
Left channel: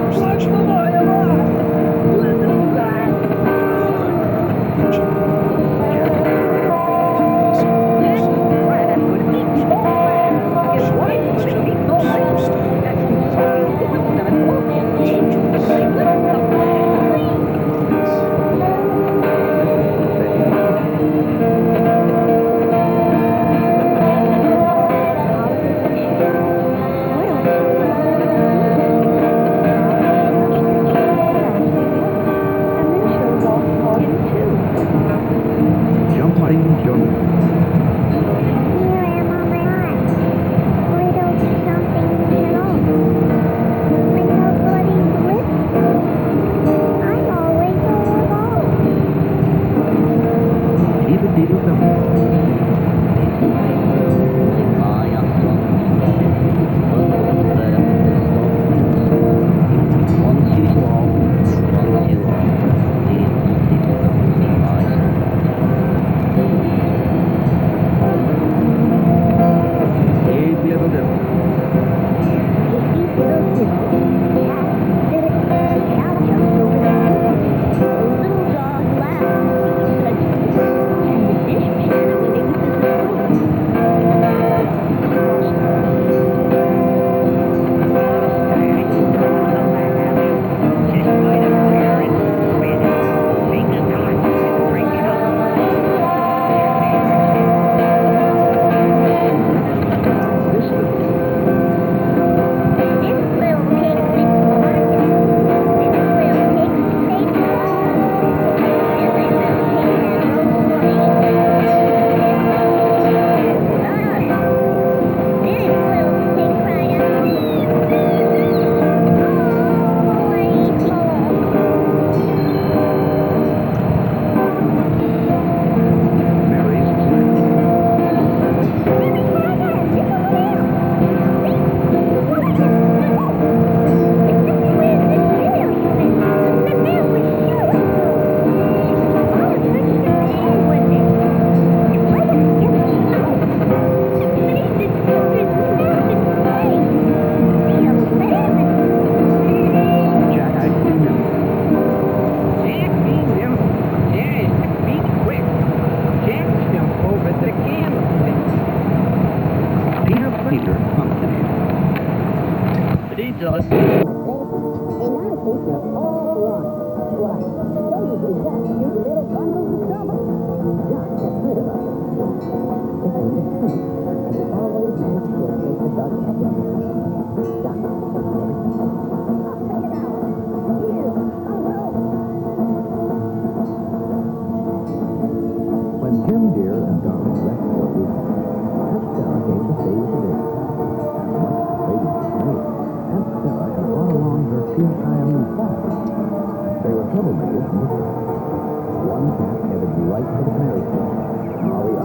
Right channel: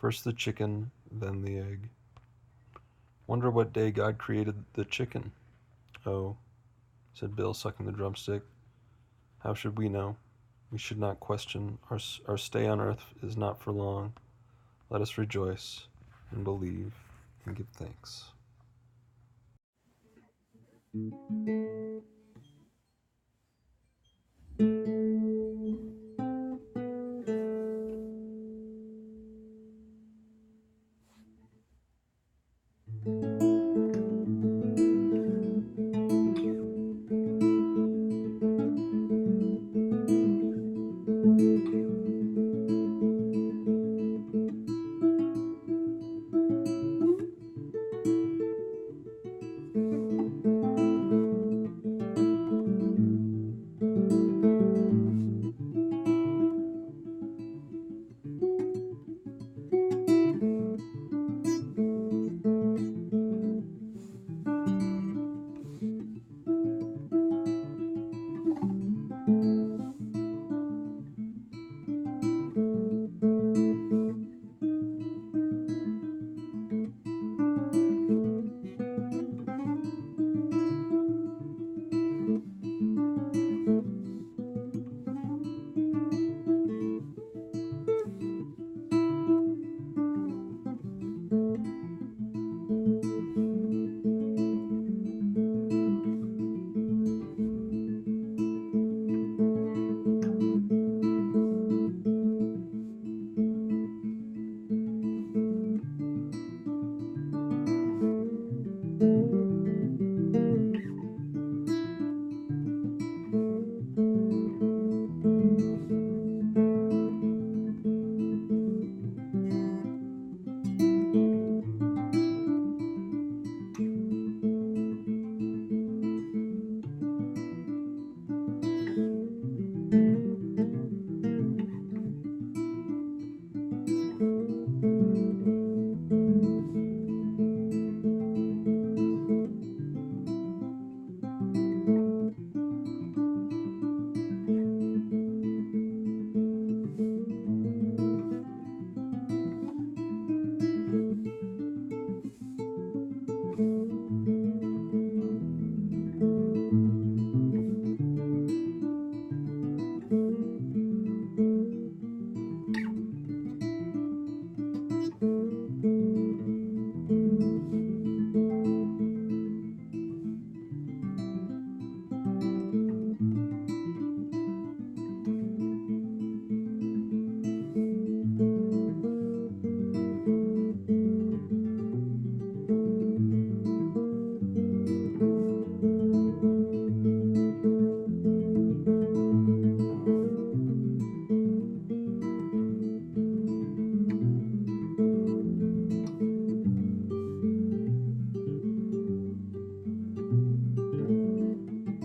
First the chicken, then the egg.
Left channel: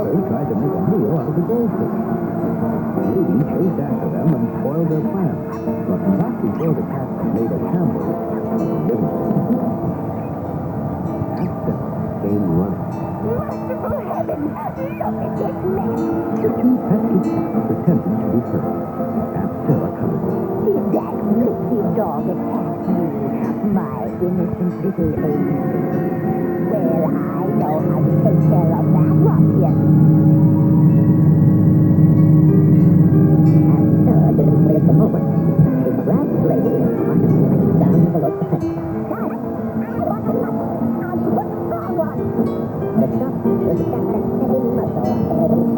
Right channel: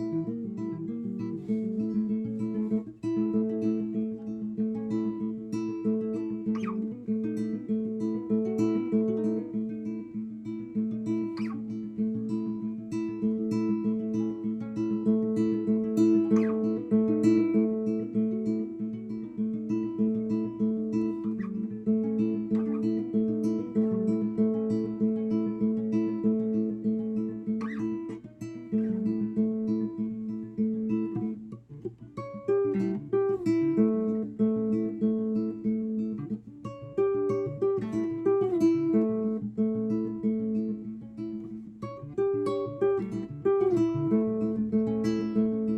Others tried to make a meal out of the goldfish. Lady chased after them and spoiled their plans, but not before the cat made a shambles of the living room. Came running. Merciful heaven! Look at this man! The two pesky cats pretended to be hurt. Aunt Sarah coming over. Did that wicked dog attack you? My innocent little baby. Well, I know how to take care of that ruffian. And so, didn't wait a moment. She grabbed the lady and went down below the fence. Got it! I want the money! I'll put the frog on! The shop was just a steady muzzle on the lady.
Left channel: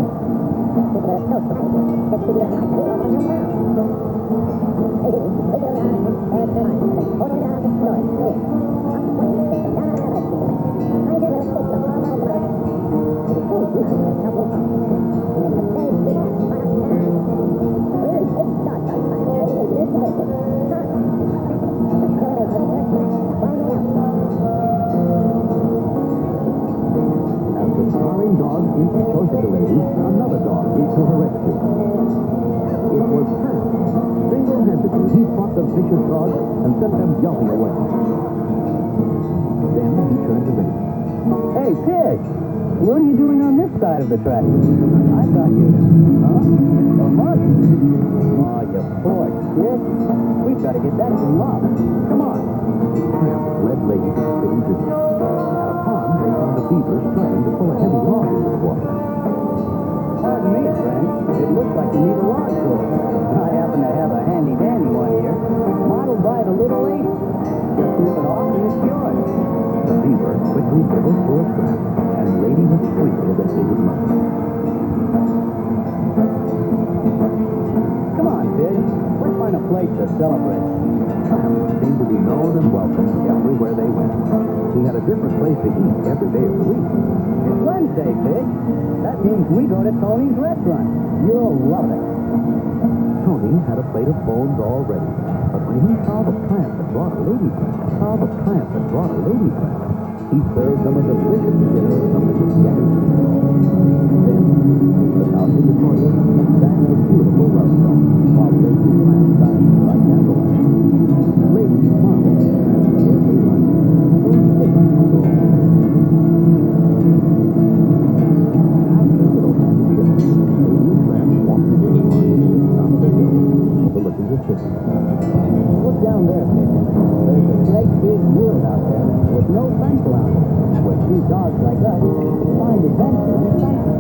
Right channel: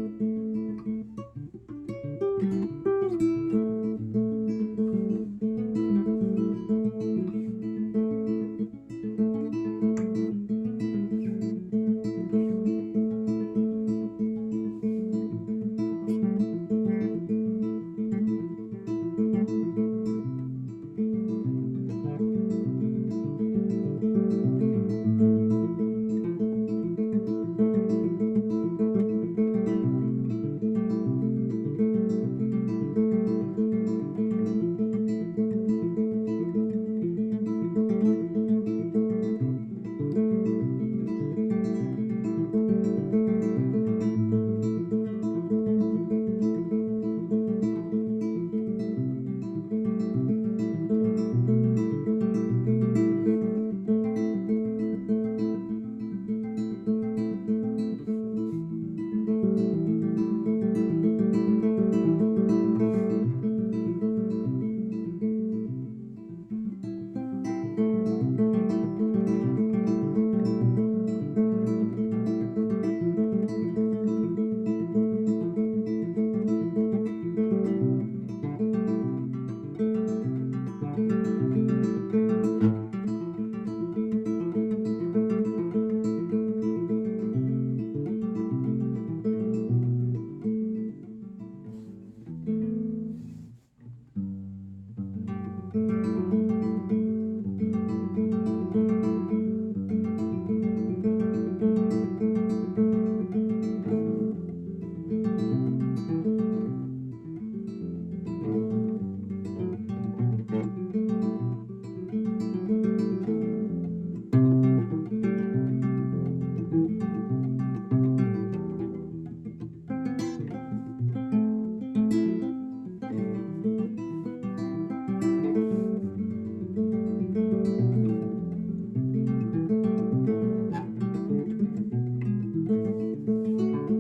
With a toast of paper, that she was not going to come out. After snarling dogs each close to the lady, another dog leaped to her rescue. It was Pat. Single-handedly, he fought the vicious dogs and sent them yelping away. Then he turned to Lady. Hey, Pig! What are you doing on this side of the track? I thought you... Huh? A monkey? Oh, you poor kid. We've got to get that thing off. Come on. Tramp led Lady to the easy. At a pond, they found the beavers trying to pull a heavy log into the water. Pardon me, friend. It looks like you need a log puller. I happen to have a handy-dandy one here. Modeled by the little ape. Just nip it off and it's yours. The beaver quickly pulled for a trap, and Lady was free of the big monkey. Come on, kid. Let's find a place to celebrate. Tramps seemed to be known and welcome everywhere they went. He had a different place to eat every day of the week. It's Wednesday, Pig. That means we go to Tony's restaurant. You'll love it. Tony had a plate of bones all ready, but when he saw the plant that brought a lady friend, he served them a delicious dinner from the spaghetti. Then, the house of the toilet sang a beautiful love song, while Lady Plant sang by candlelight. Lady smiled and birthday lunch. So sweet and cool. After a little happy dinner, Lady Plant walked away to the top of the hill, overlooking the city. Look down there, kid. There's a great big wood out there with no fence around it, where two dogs like us find adventure and excitement.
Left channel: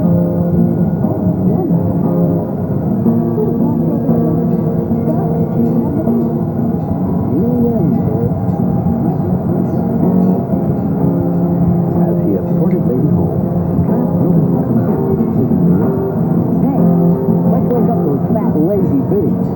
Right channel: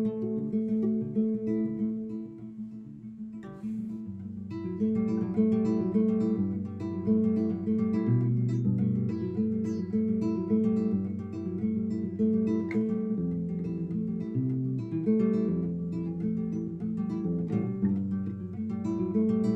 Oh, wonderful. You win, kid. As he escorted Lady home, Tramp noticed something different in his mirror. Hey, let's wake up those fat, lazy pigs.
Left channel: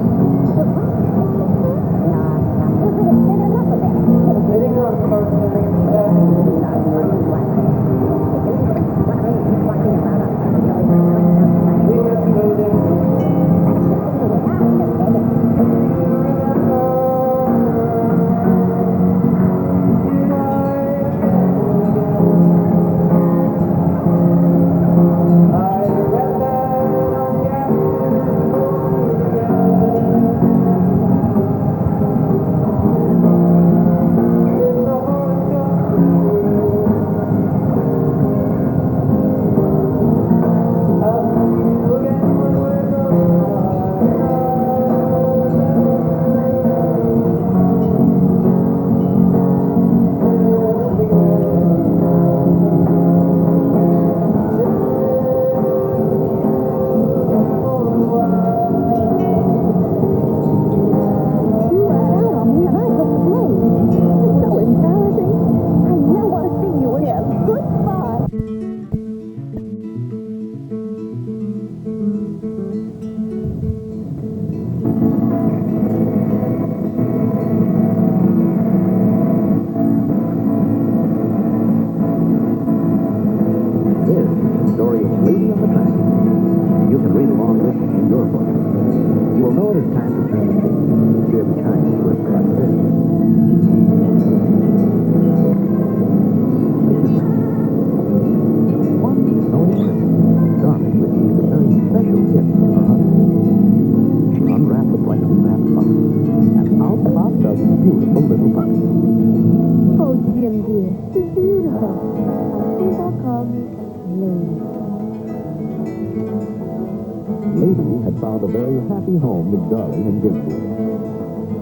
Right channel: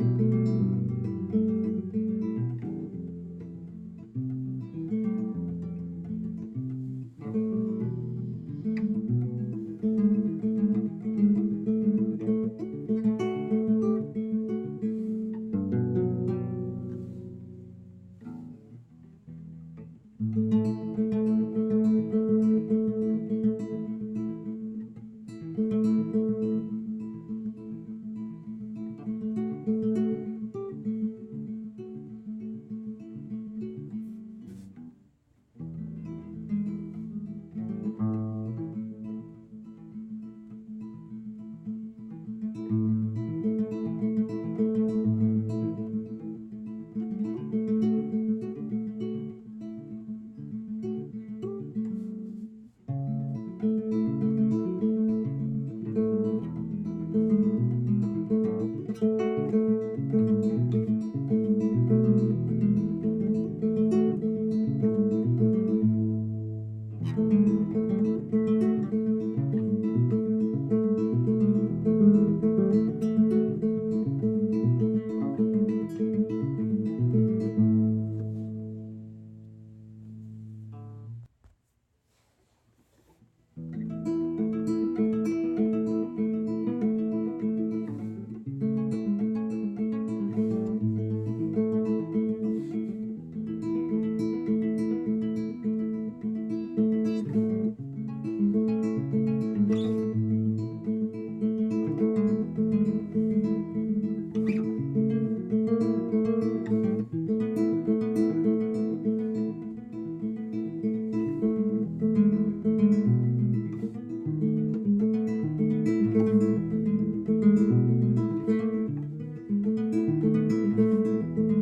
happy home with Darling and Jim Dear.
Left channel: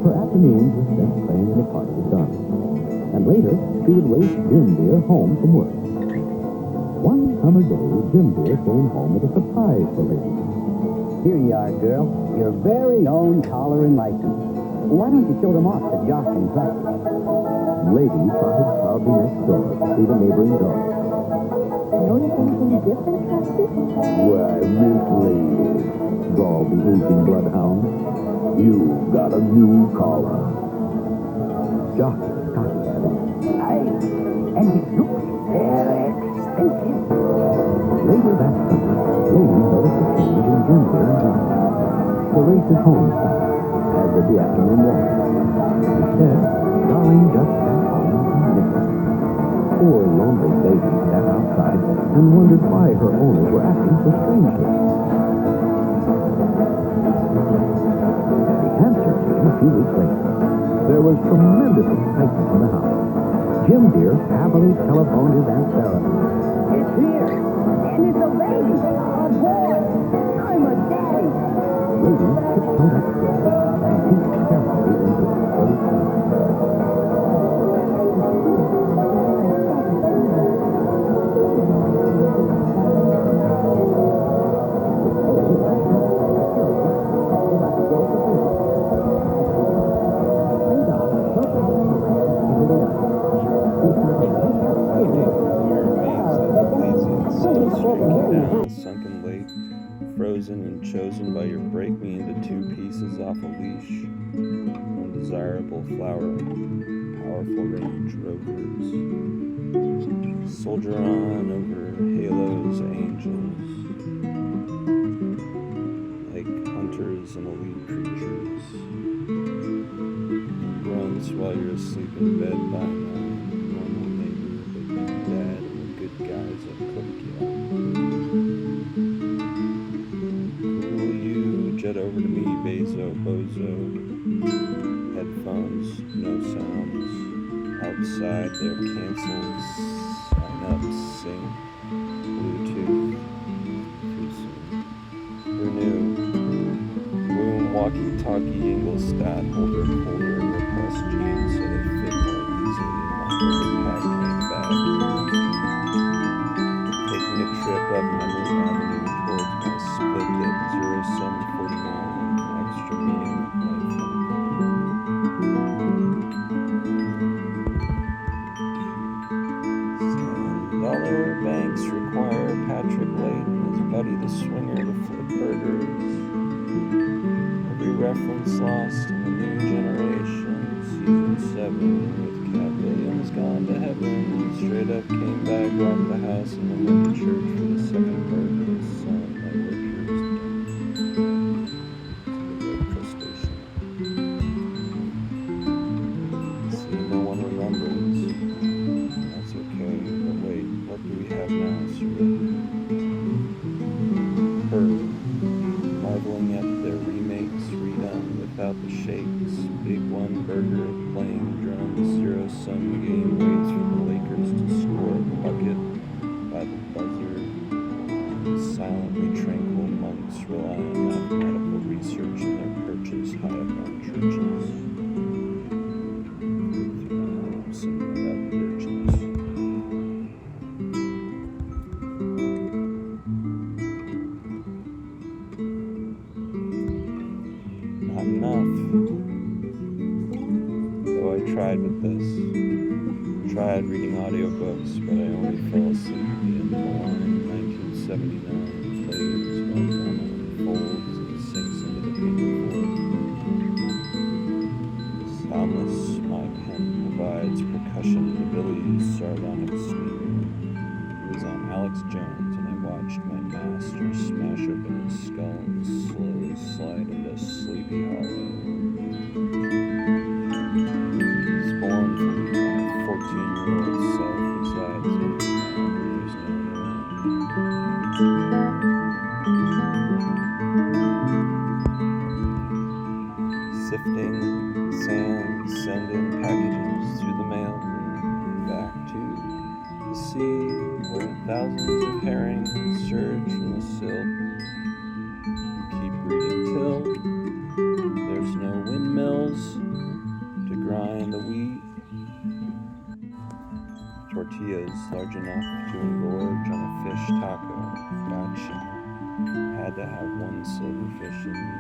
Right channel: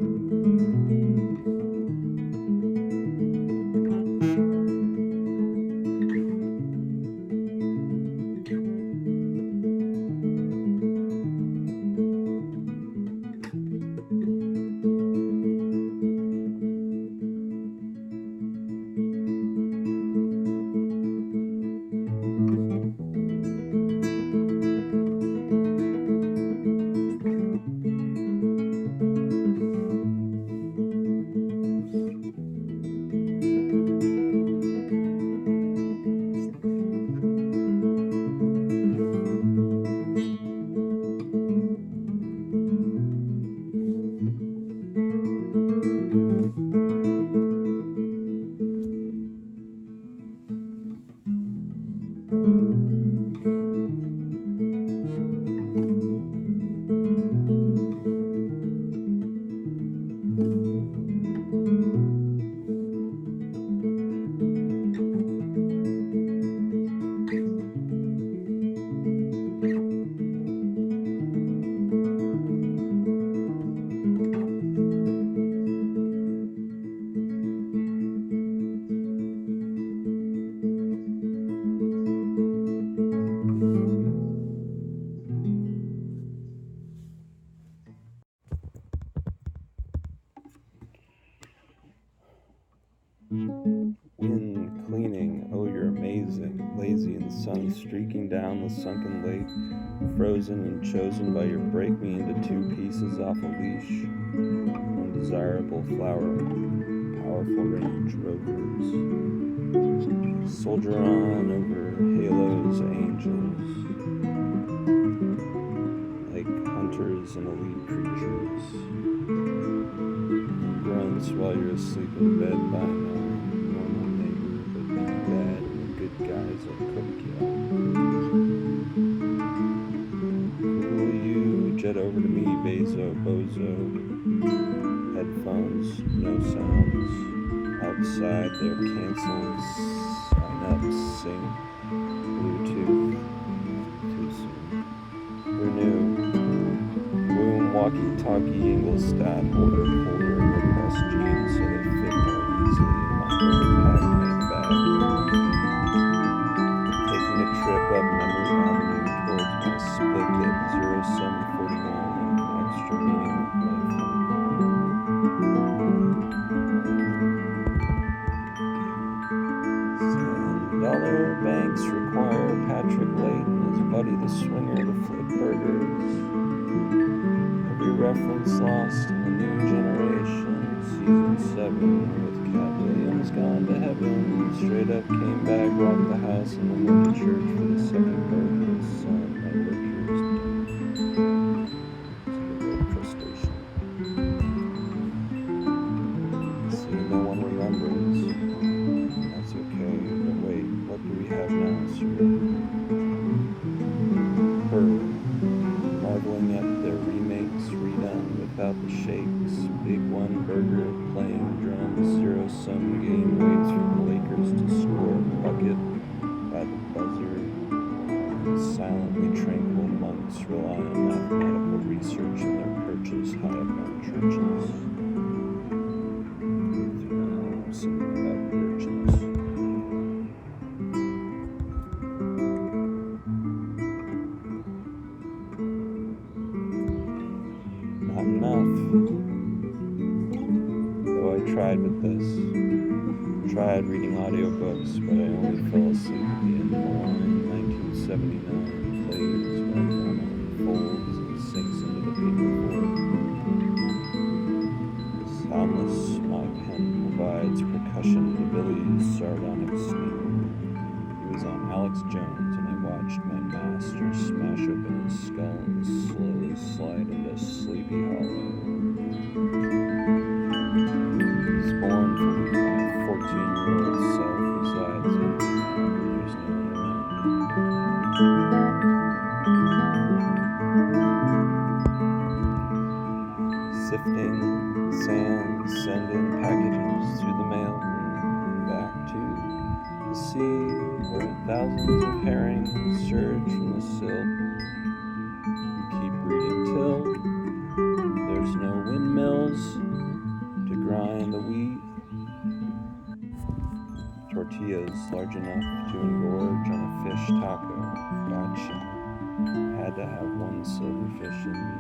Her afternoons were spent playing the part of Darling, and later she would race Jim Dear home from work. One summer day, Jim Dear came home with a surprise for Lady. Here you are, girl. Your very own collar and license. Why don't you show them off to Jocelyn practice? Lady trotted proudly next door to the neighboring dog. Notice anything different, Trusty? Why, Miss Lady, drawled the aging bloodhound, you've got a new collar. Jocelyn cocked at him. Aye. And it looks very expensive. Later that summer, Lady noticed a change in Jim Dear and Jocelyn. The race at home stopped, as did the afternoon walk. Instead, Darling just sat home and knitted. Poor lonely Lady sat outside and wondered why her owners were acting so strangely. And the answer came a few weeks later. There was tremendous excitement in the house. Jim Dear happily telephoned his Aunt Sarah. It's here. And it's a baby. Oh, boy. I'm a daddy. Lady tiptoed upstairs and peeked carefully into the streaking down the sunken lake, frozen and chosen by your break me into two pieces off a leash. Undesirable flower, powerful range rovers. Soldier on over halos, angels, like hunters and elite creatures. Grunts while you're asleep in bed by night. Normal neighbor, but bad and the good guys will cook you. Cool you, jet over to me, Bezo, Bozo. Headphones, no sounds. Outside, they're canceled. Sign up, sing. Bluetooth, too soon. Who knew? Boom, walkie-talkie, Ingolstadt, holder, and repressed jeans so they fit more easily in my overpacked main bag. Taking a trip up Memory Avenue towards my split-lip 0749 extra meaning with life. $7 banks require Patrick Late and his buddy the swinger to flip burgers. Every reference lost in the new generation. Season 7 with Cat Williams gone to heaven. Straight up came back, rocked the house, and then went to church for the second birth of his son. My worker is done. To the red crustacean. See, no one remembers. That's okay, but wait, what do we have now, sir? Her, marveling at their remakes, redone without the shakes. Big one burger, playing drums, zero-sum game waits for the Lakers to score a bucket by the buzzer. Silently tranquil monks rely on mathematical research in their perches high up on churches. Something about virgins. Not enough. Though I tried with this. Tried reading audiobooks, but I only fell asleep at the end of the line. 1979 plays while drama unfolds and sinks into the paperboard. Soundless, my pen provides percussion to Billy's sardonic sneer. He was on Alex Jones, and I watched my master smash open his skull and slowly slide into Sleepy Hollow. Scornfully, my 14-year-old self resides in me now, there's no one around. Sifting sand, sending packages through the mail room, back to the sea, where thousands of herring surge from the silt. Keep reading till tortillas large enough to engorge on a fish taco. Gotcha. Had to have one silverfish in me.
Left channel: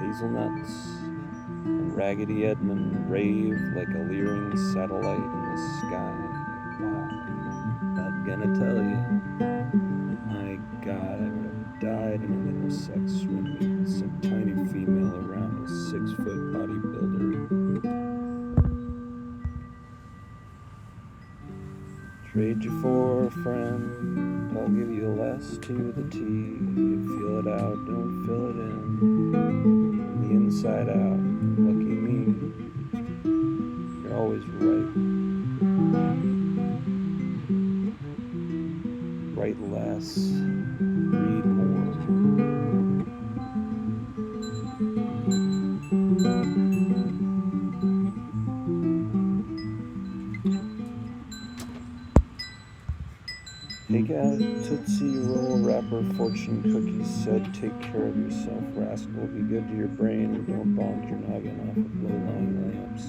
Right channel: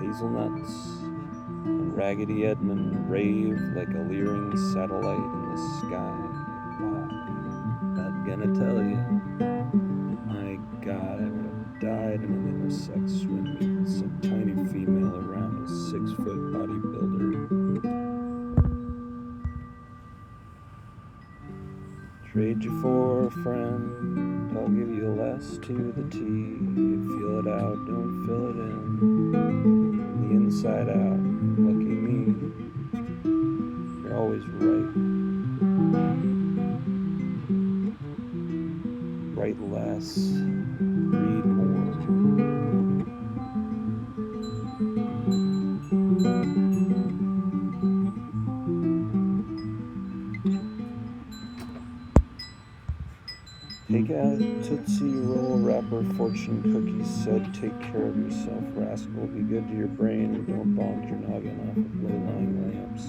Hazelnuts and Raggedy Edmund rave like a leering satellite in the sky. Wow. Not gonna tell you. My God, I would have died in an intersex swim meet with some tiny female around a 6-foot bodybuilder. Trade you for a friend, I'll give you less to the T. You feel it out, don't fill it in. The inside out, lucky me. You're always right. Write less, read more. Take out Tootsie Roll wrapper fortune cookies said, take care of yourself, rascal. Be good to your brain and don't bonk your noggin off of low-lying lamps.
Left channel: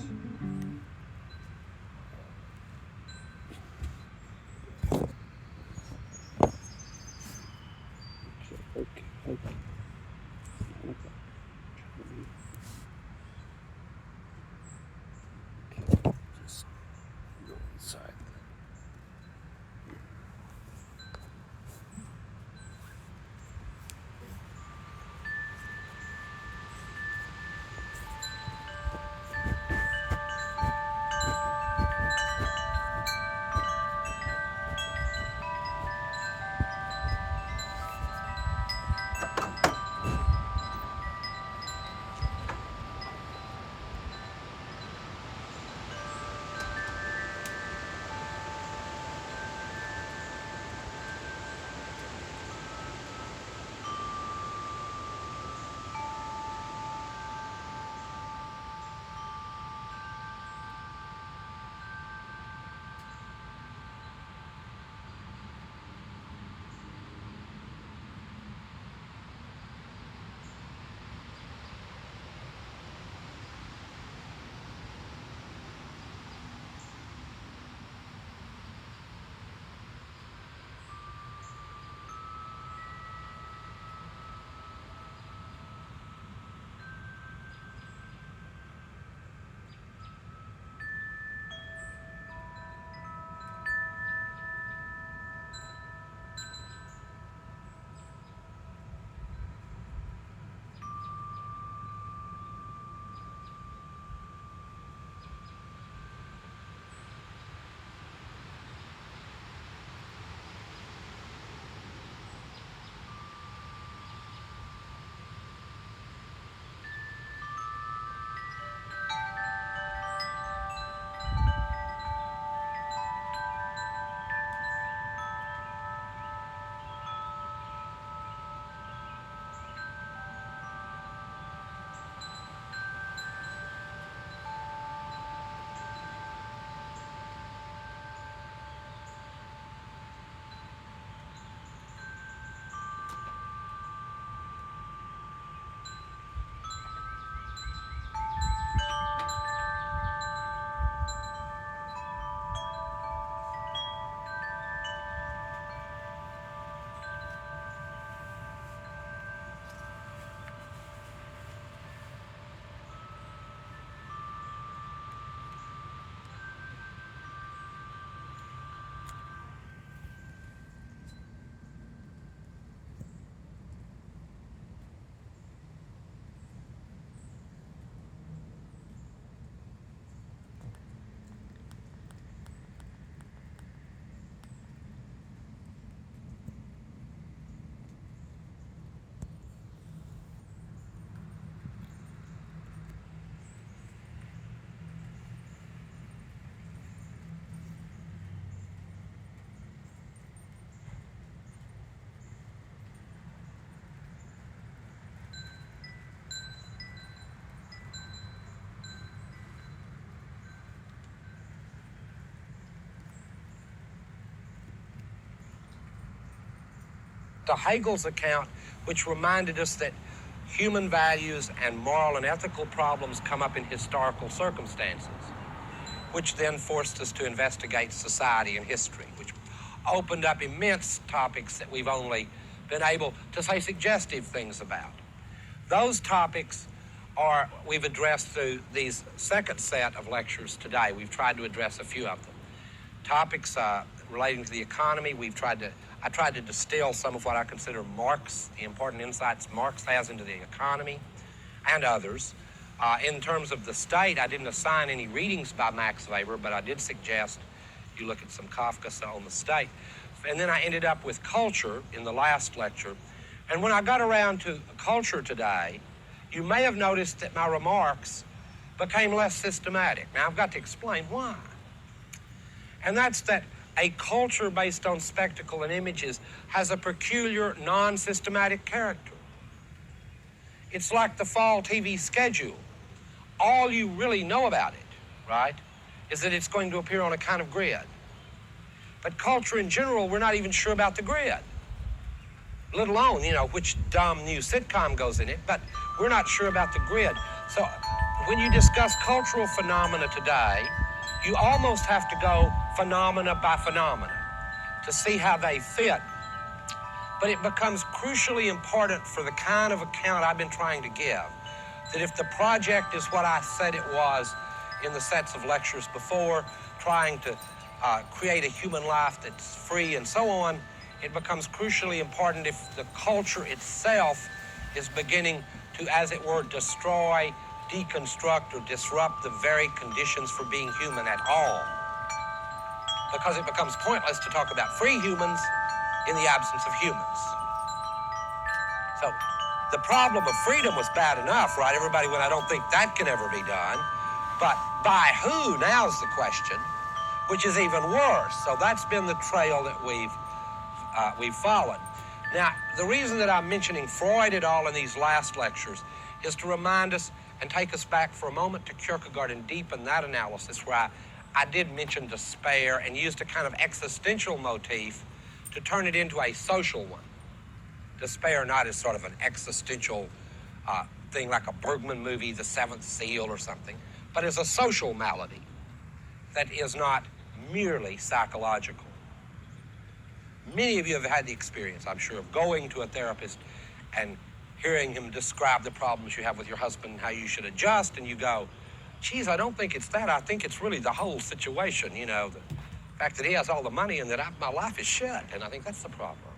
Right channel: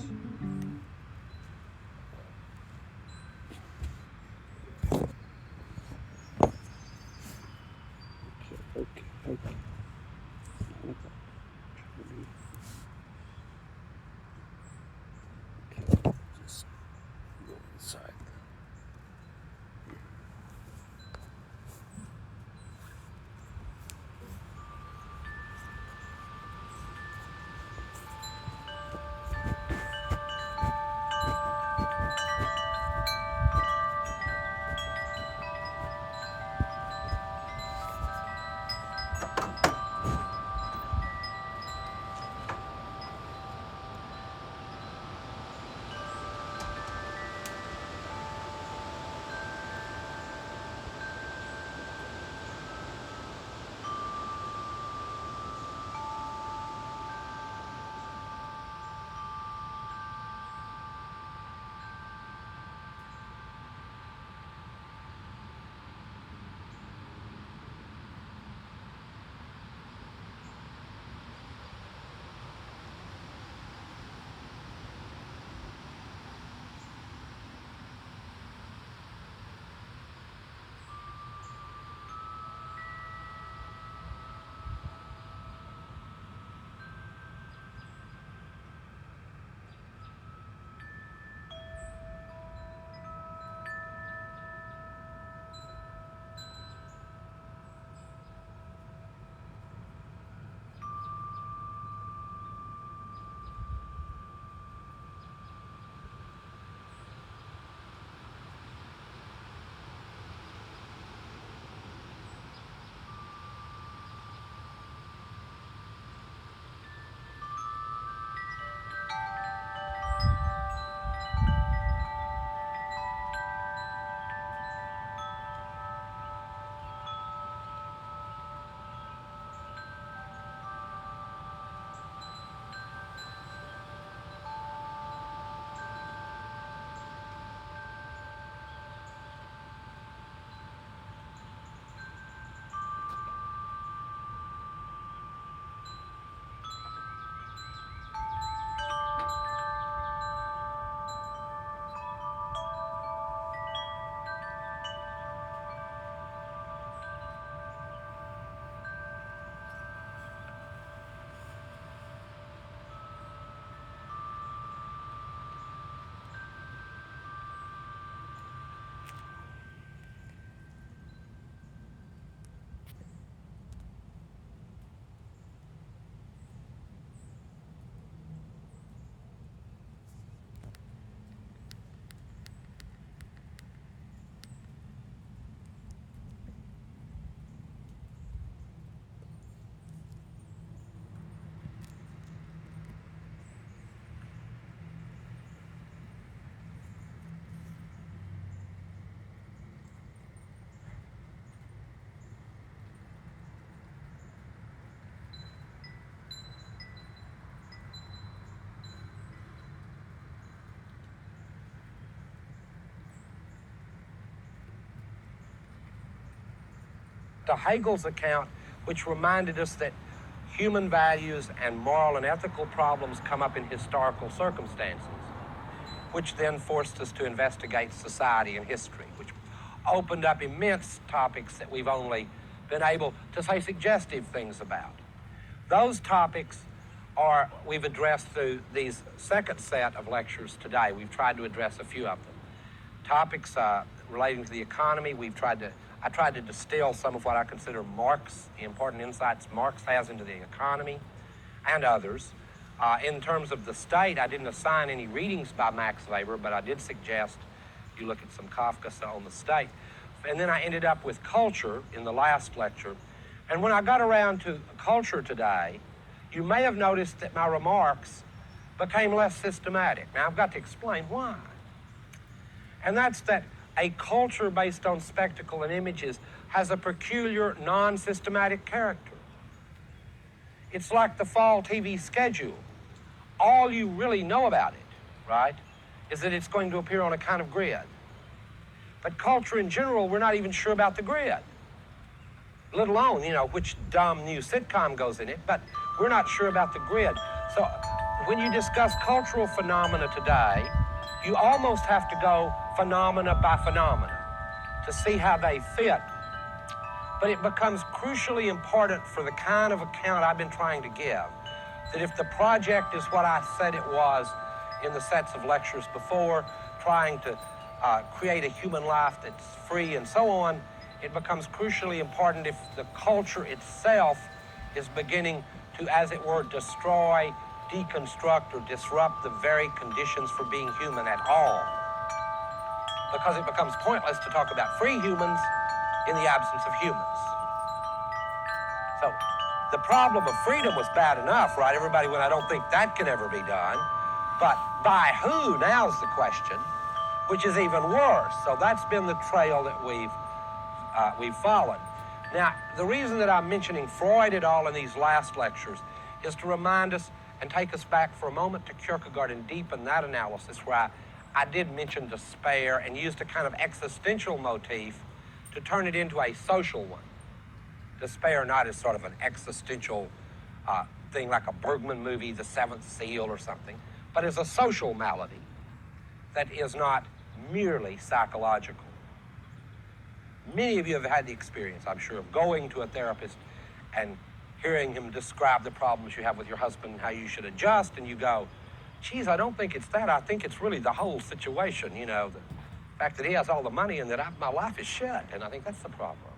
Okay. 9 o'clock. Okay, just go inside then. to Hegel's account, which reminded us that human values and moral and ethical problems come up in historical circumstances, which then forced us to investigate society and history, which opened up immense topics that we've only been able to say suggestive things about. Those topics we've addressed through these second set of lectures today. We've tried to address a few of them. Topics relating to the economy, I tried to distill some of what I consider the important insights Marx has into the economy, and others. In terms of the state, I didn't assign any readings by Max Weber, but I did suggest you look at some Kafka on the state. And then I ended up with culture in the last lecture. And when I got around to culture today, you may have noticed that my remarks became less systematic. Now, I've got to explain why. And that's that a culture based on spectacle and images has a peculiar, non-systematic character. It's like the fall TV schedule. All you really know about it, right, is that it's going to appear on a kind of grid. But culture in general, we're not even sure about the grid, let alone, which dumb new sitcom goes in it, but we're not sure about the grid. So when you discuss cultural phenomena today, you almost have to go phenomena by phenomena to see how they fit. But it becomes crucially important for the kind of account I've been trying to give, that if the project is what I said it was in the sets of lectures before, trying to create a human life that's free and so on, it becomes crucially important if the culture itself is beginning to, as it were, destroy, deconstruct, or disrupt the very conditions for being human at all. Because it becomes pointless to talk about free humans in the absence of humans. So the problem of freedom was bad enough, right? Everybody went, I don't think that can ever be done. But by who, now's the question, which is even worse. So that's been the trail that we've followed. Now, the reason that I'm mentioning Freud at all in these last lectures is to remind us and take us back for a moment to Kierkegaard and deepen that analysis, where I did mention despair and used a kind of existential motif to turn it into a social one. Despair not as sort of an existential thing like a Bergman movie, The Seventh Seal or something, but as a social malady that is not merely psychological. Many of you have had the experience, I'm sure, of going to a therapist and hearing him describe the problems you have with your husband and how you should adjust, and you go, geez, I don't think it's that. I think it's really the whole situation, the fact that he has all the money and that my life is shit, and I think that's the problem.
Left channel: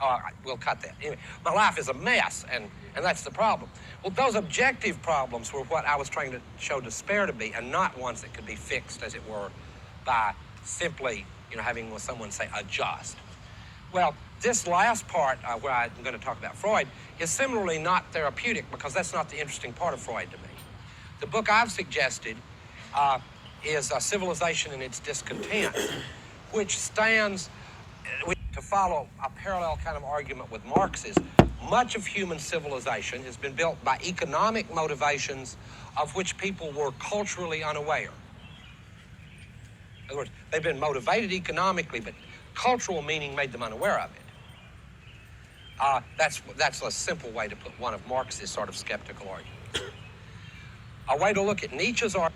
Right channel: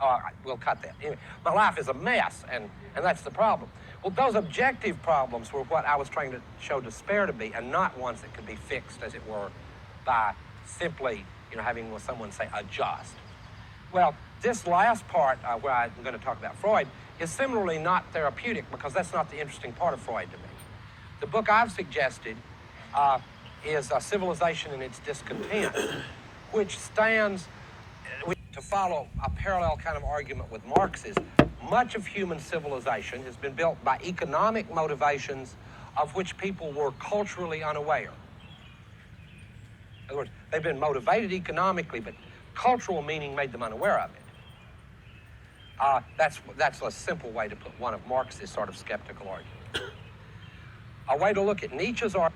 Oh, we'll cut that. Anyway, my life is a mess, and that's the problem. Well, those objective problems were what I was trying to show despair to be, and not ones that could be fixed, as it were, by simply, having someone say, adjust. Well, this last part where I'm going to talk about Freud is similarly not therapeutic, because that's not the interesting part of Freud to me. The book I've suggested is Civilization and Its Discontent, which stands to follow a parallel kind of argument with Marx's. Much of human civilization has been built by economic motivations of which people were culturally unaware. In other words, they've been motivated economically, but cultural meaning made them unaware of it. That's a simple way to put one of Marx's sort of skeptical arguments. A way to look at Nietzsche's argument.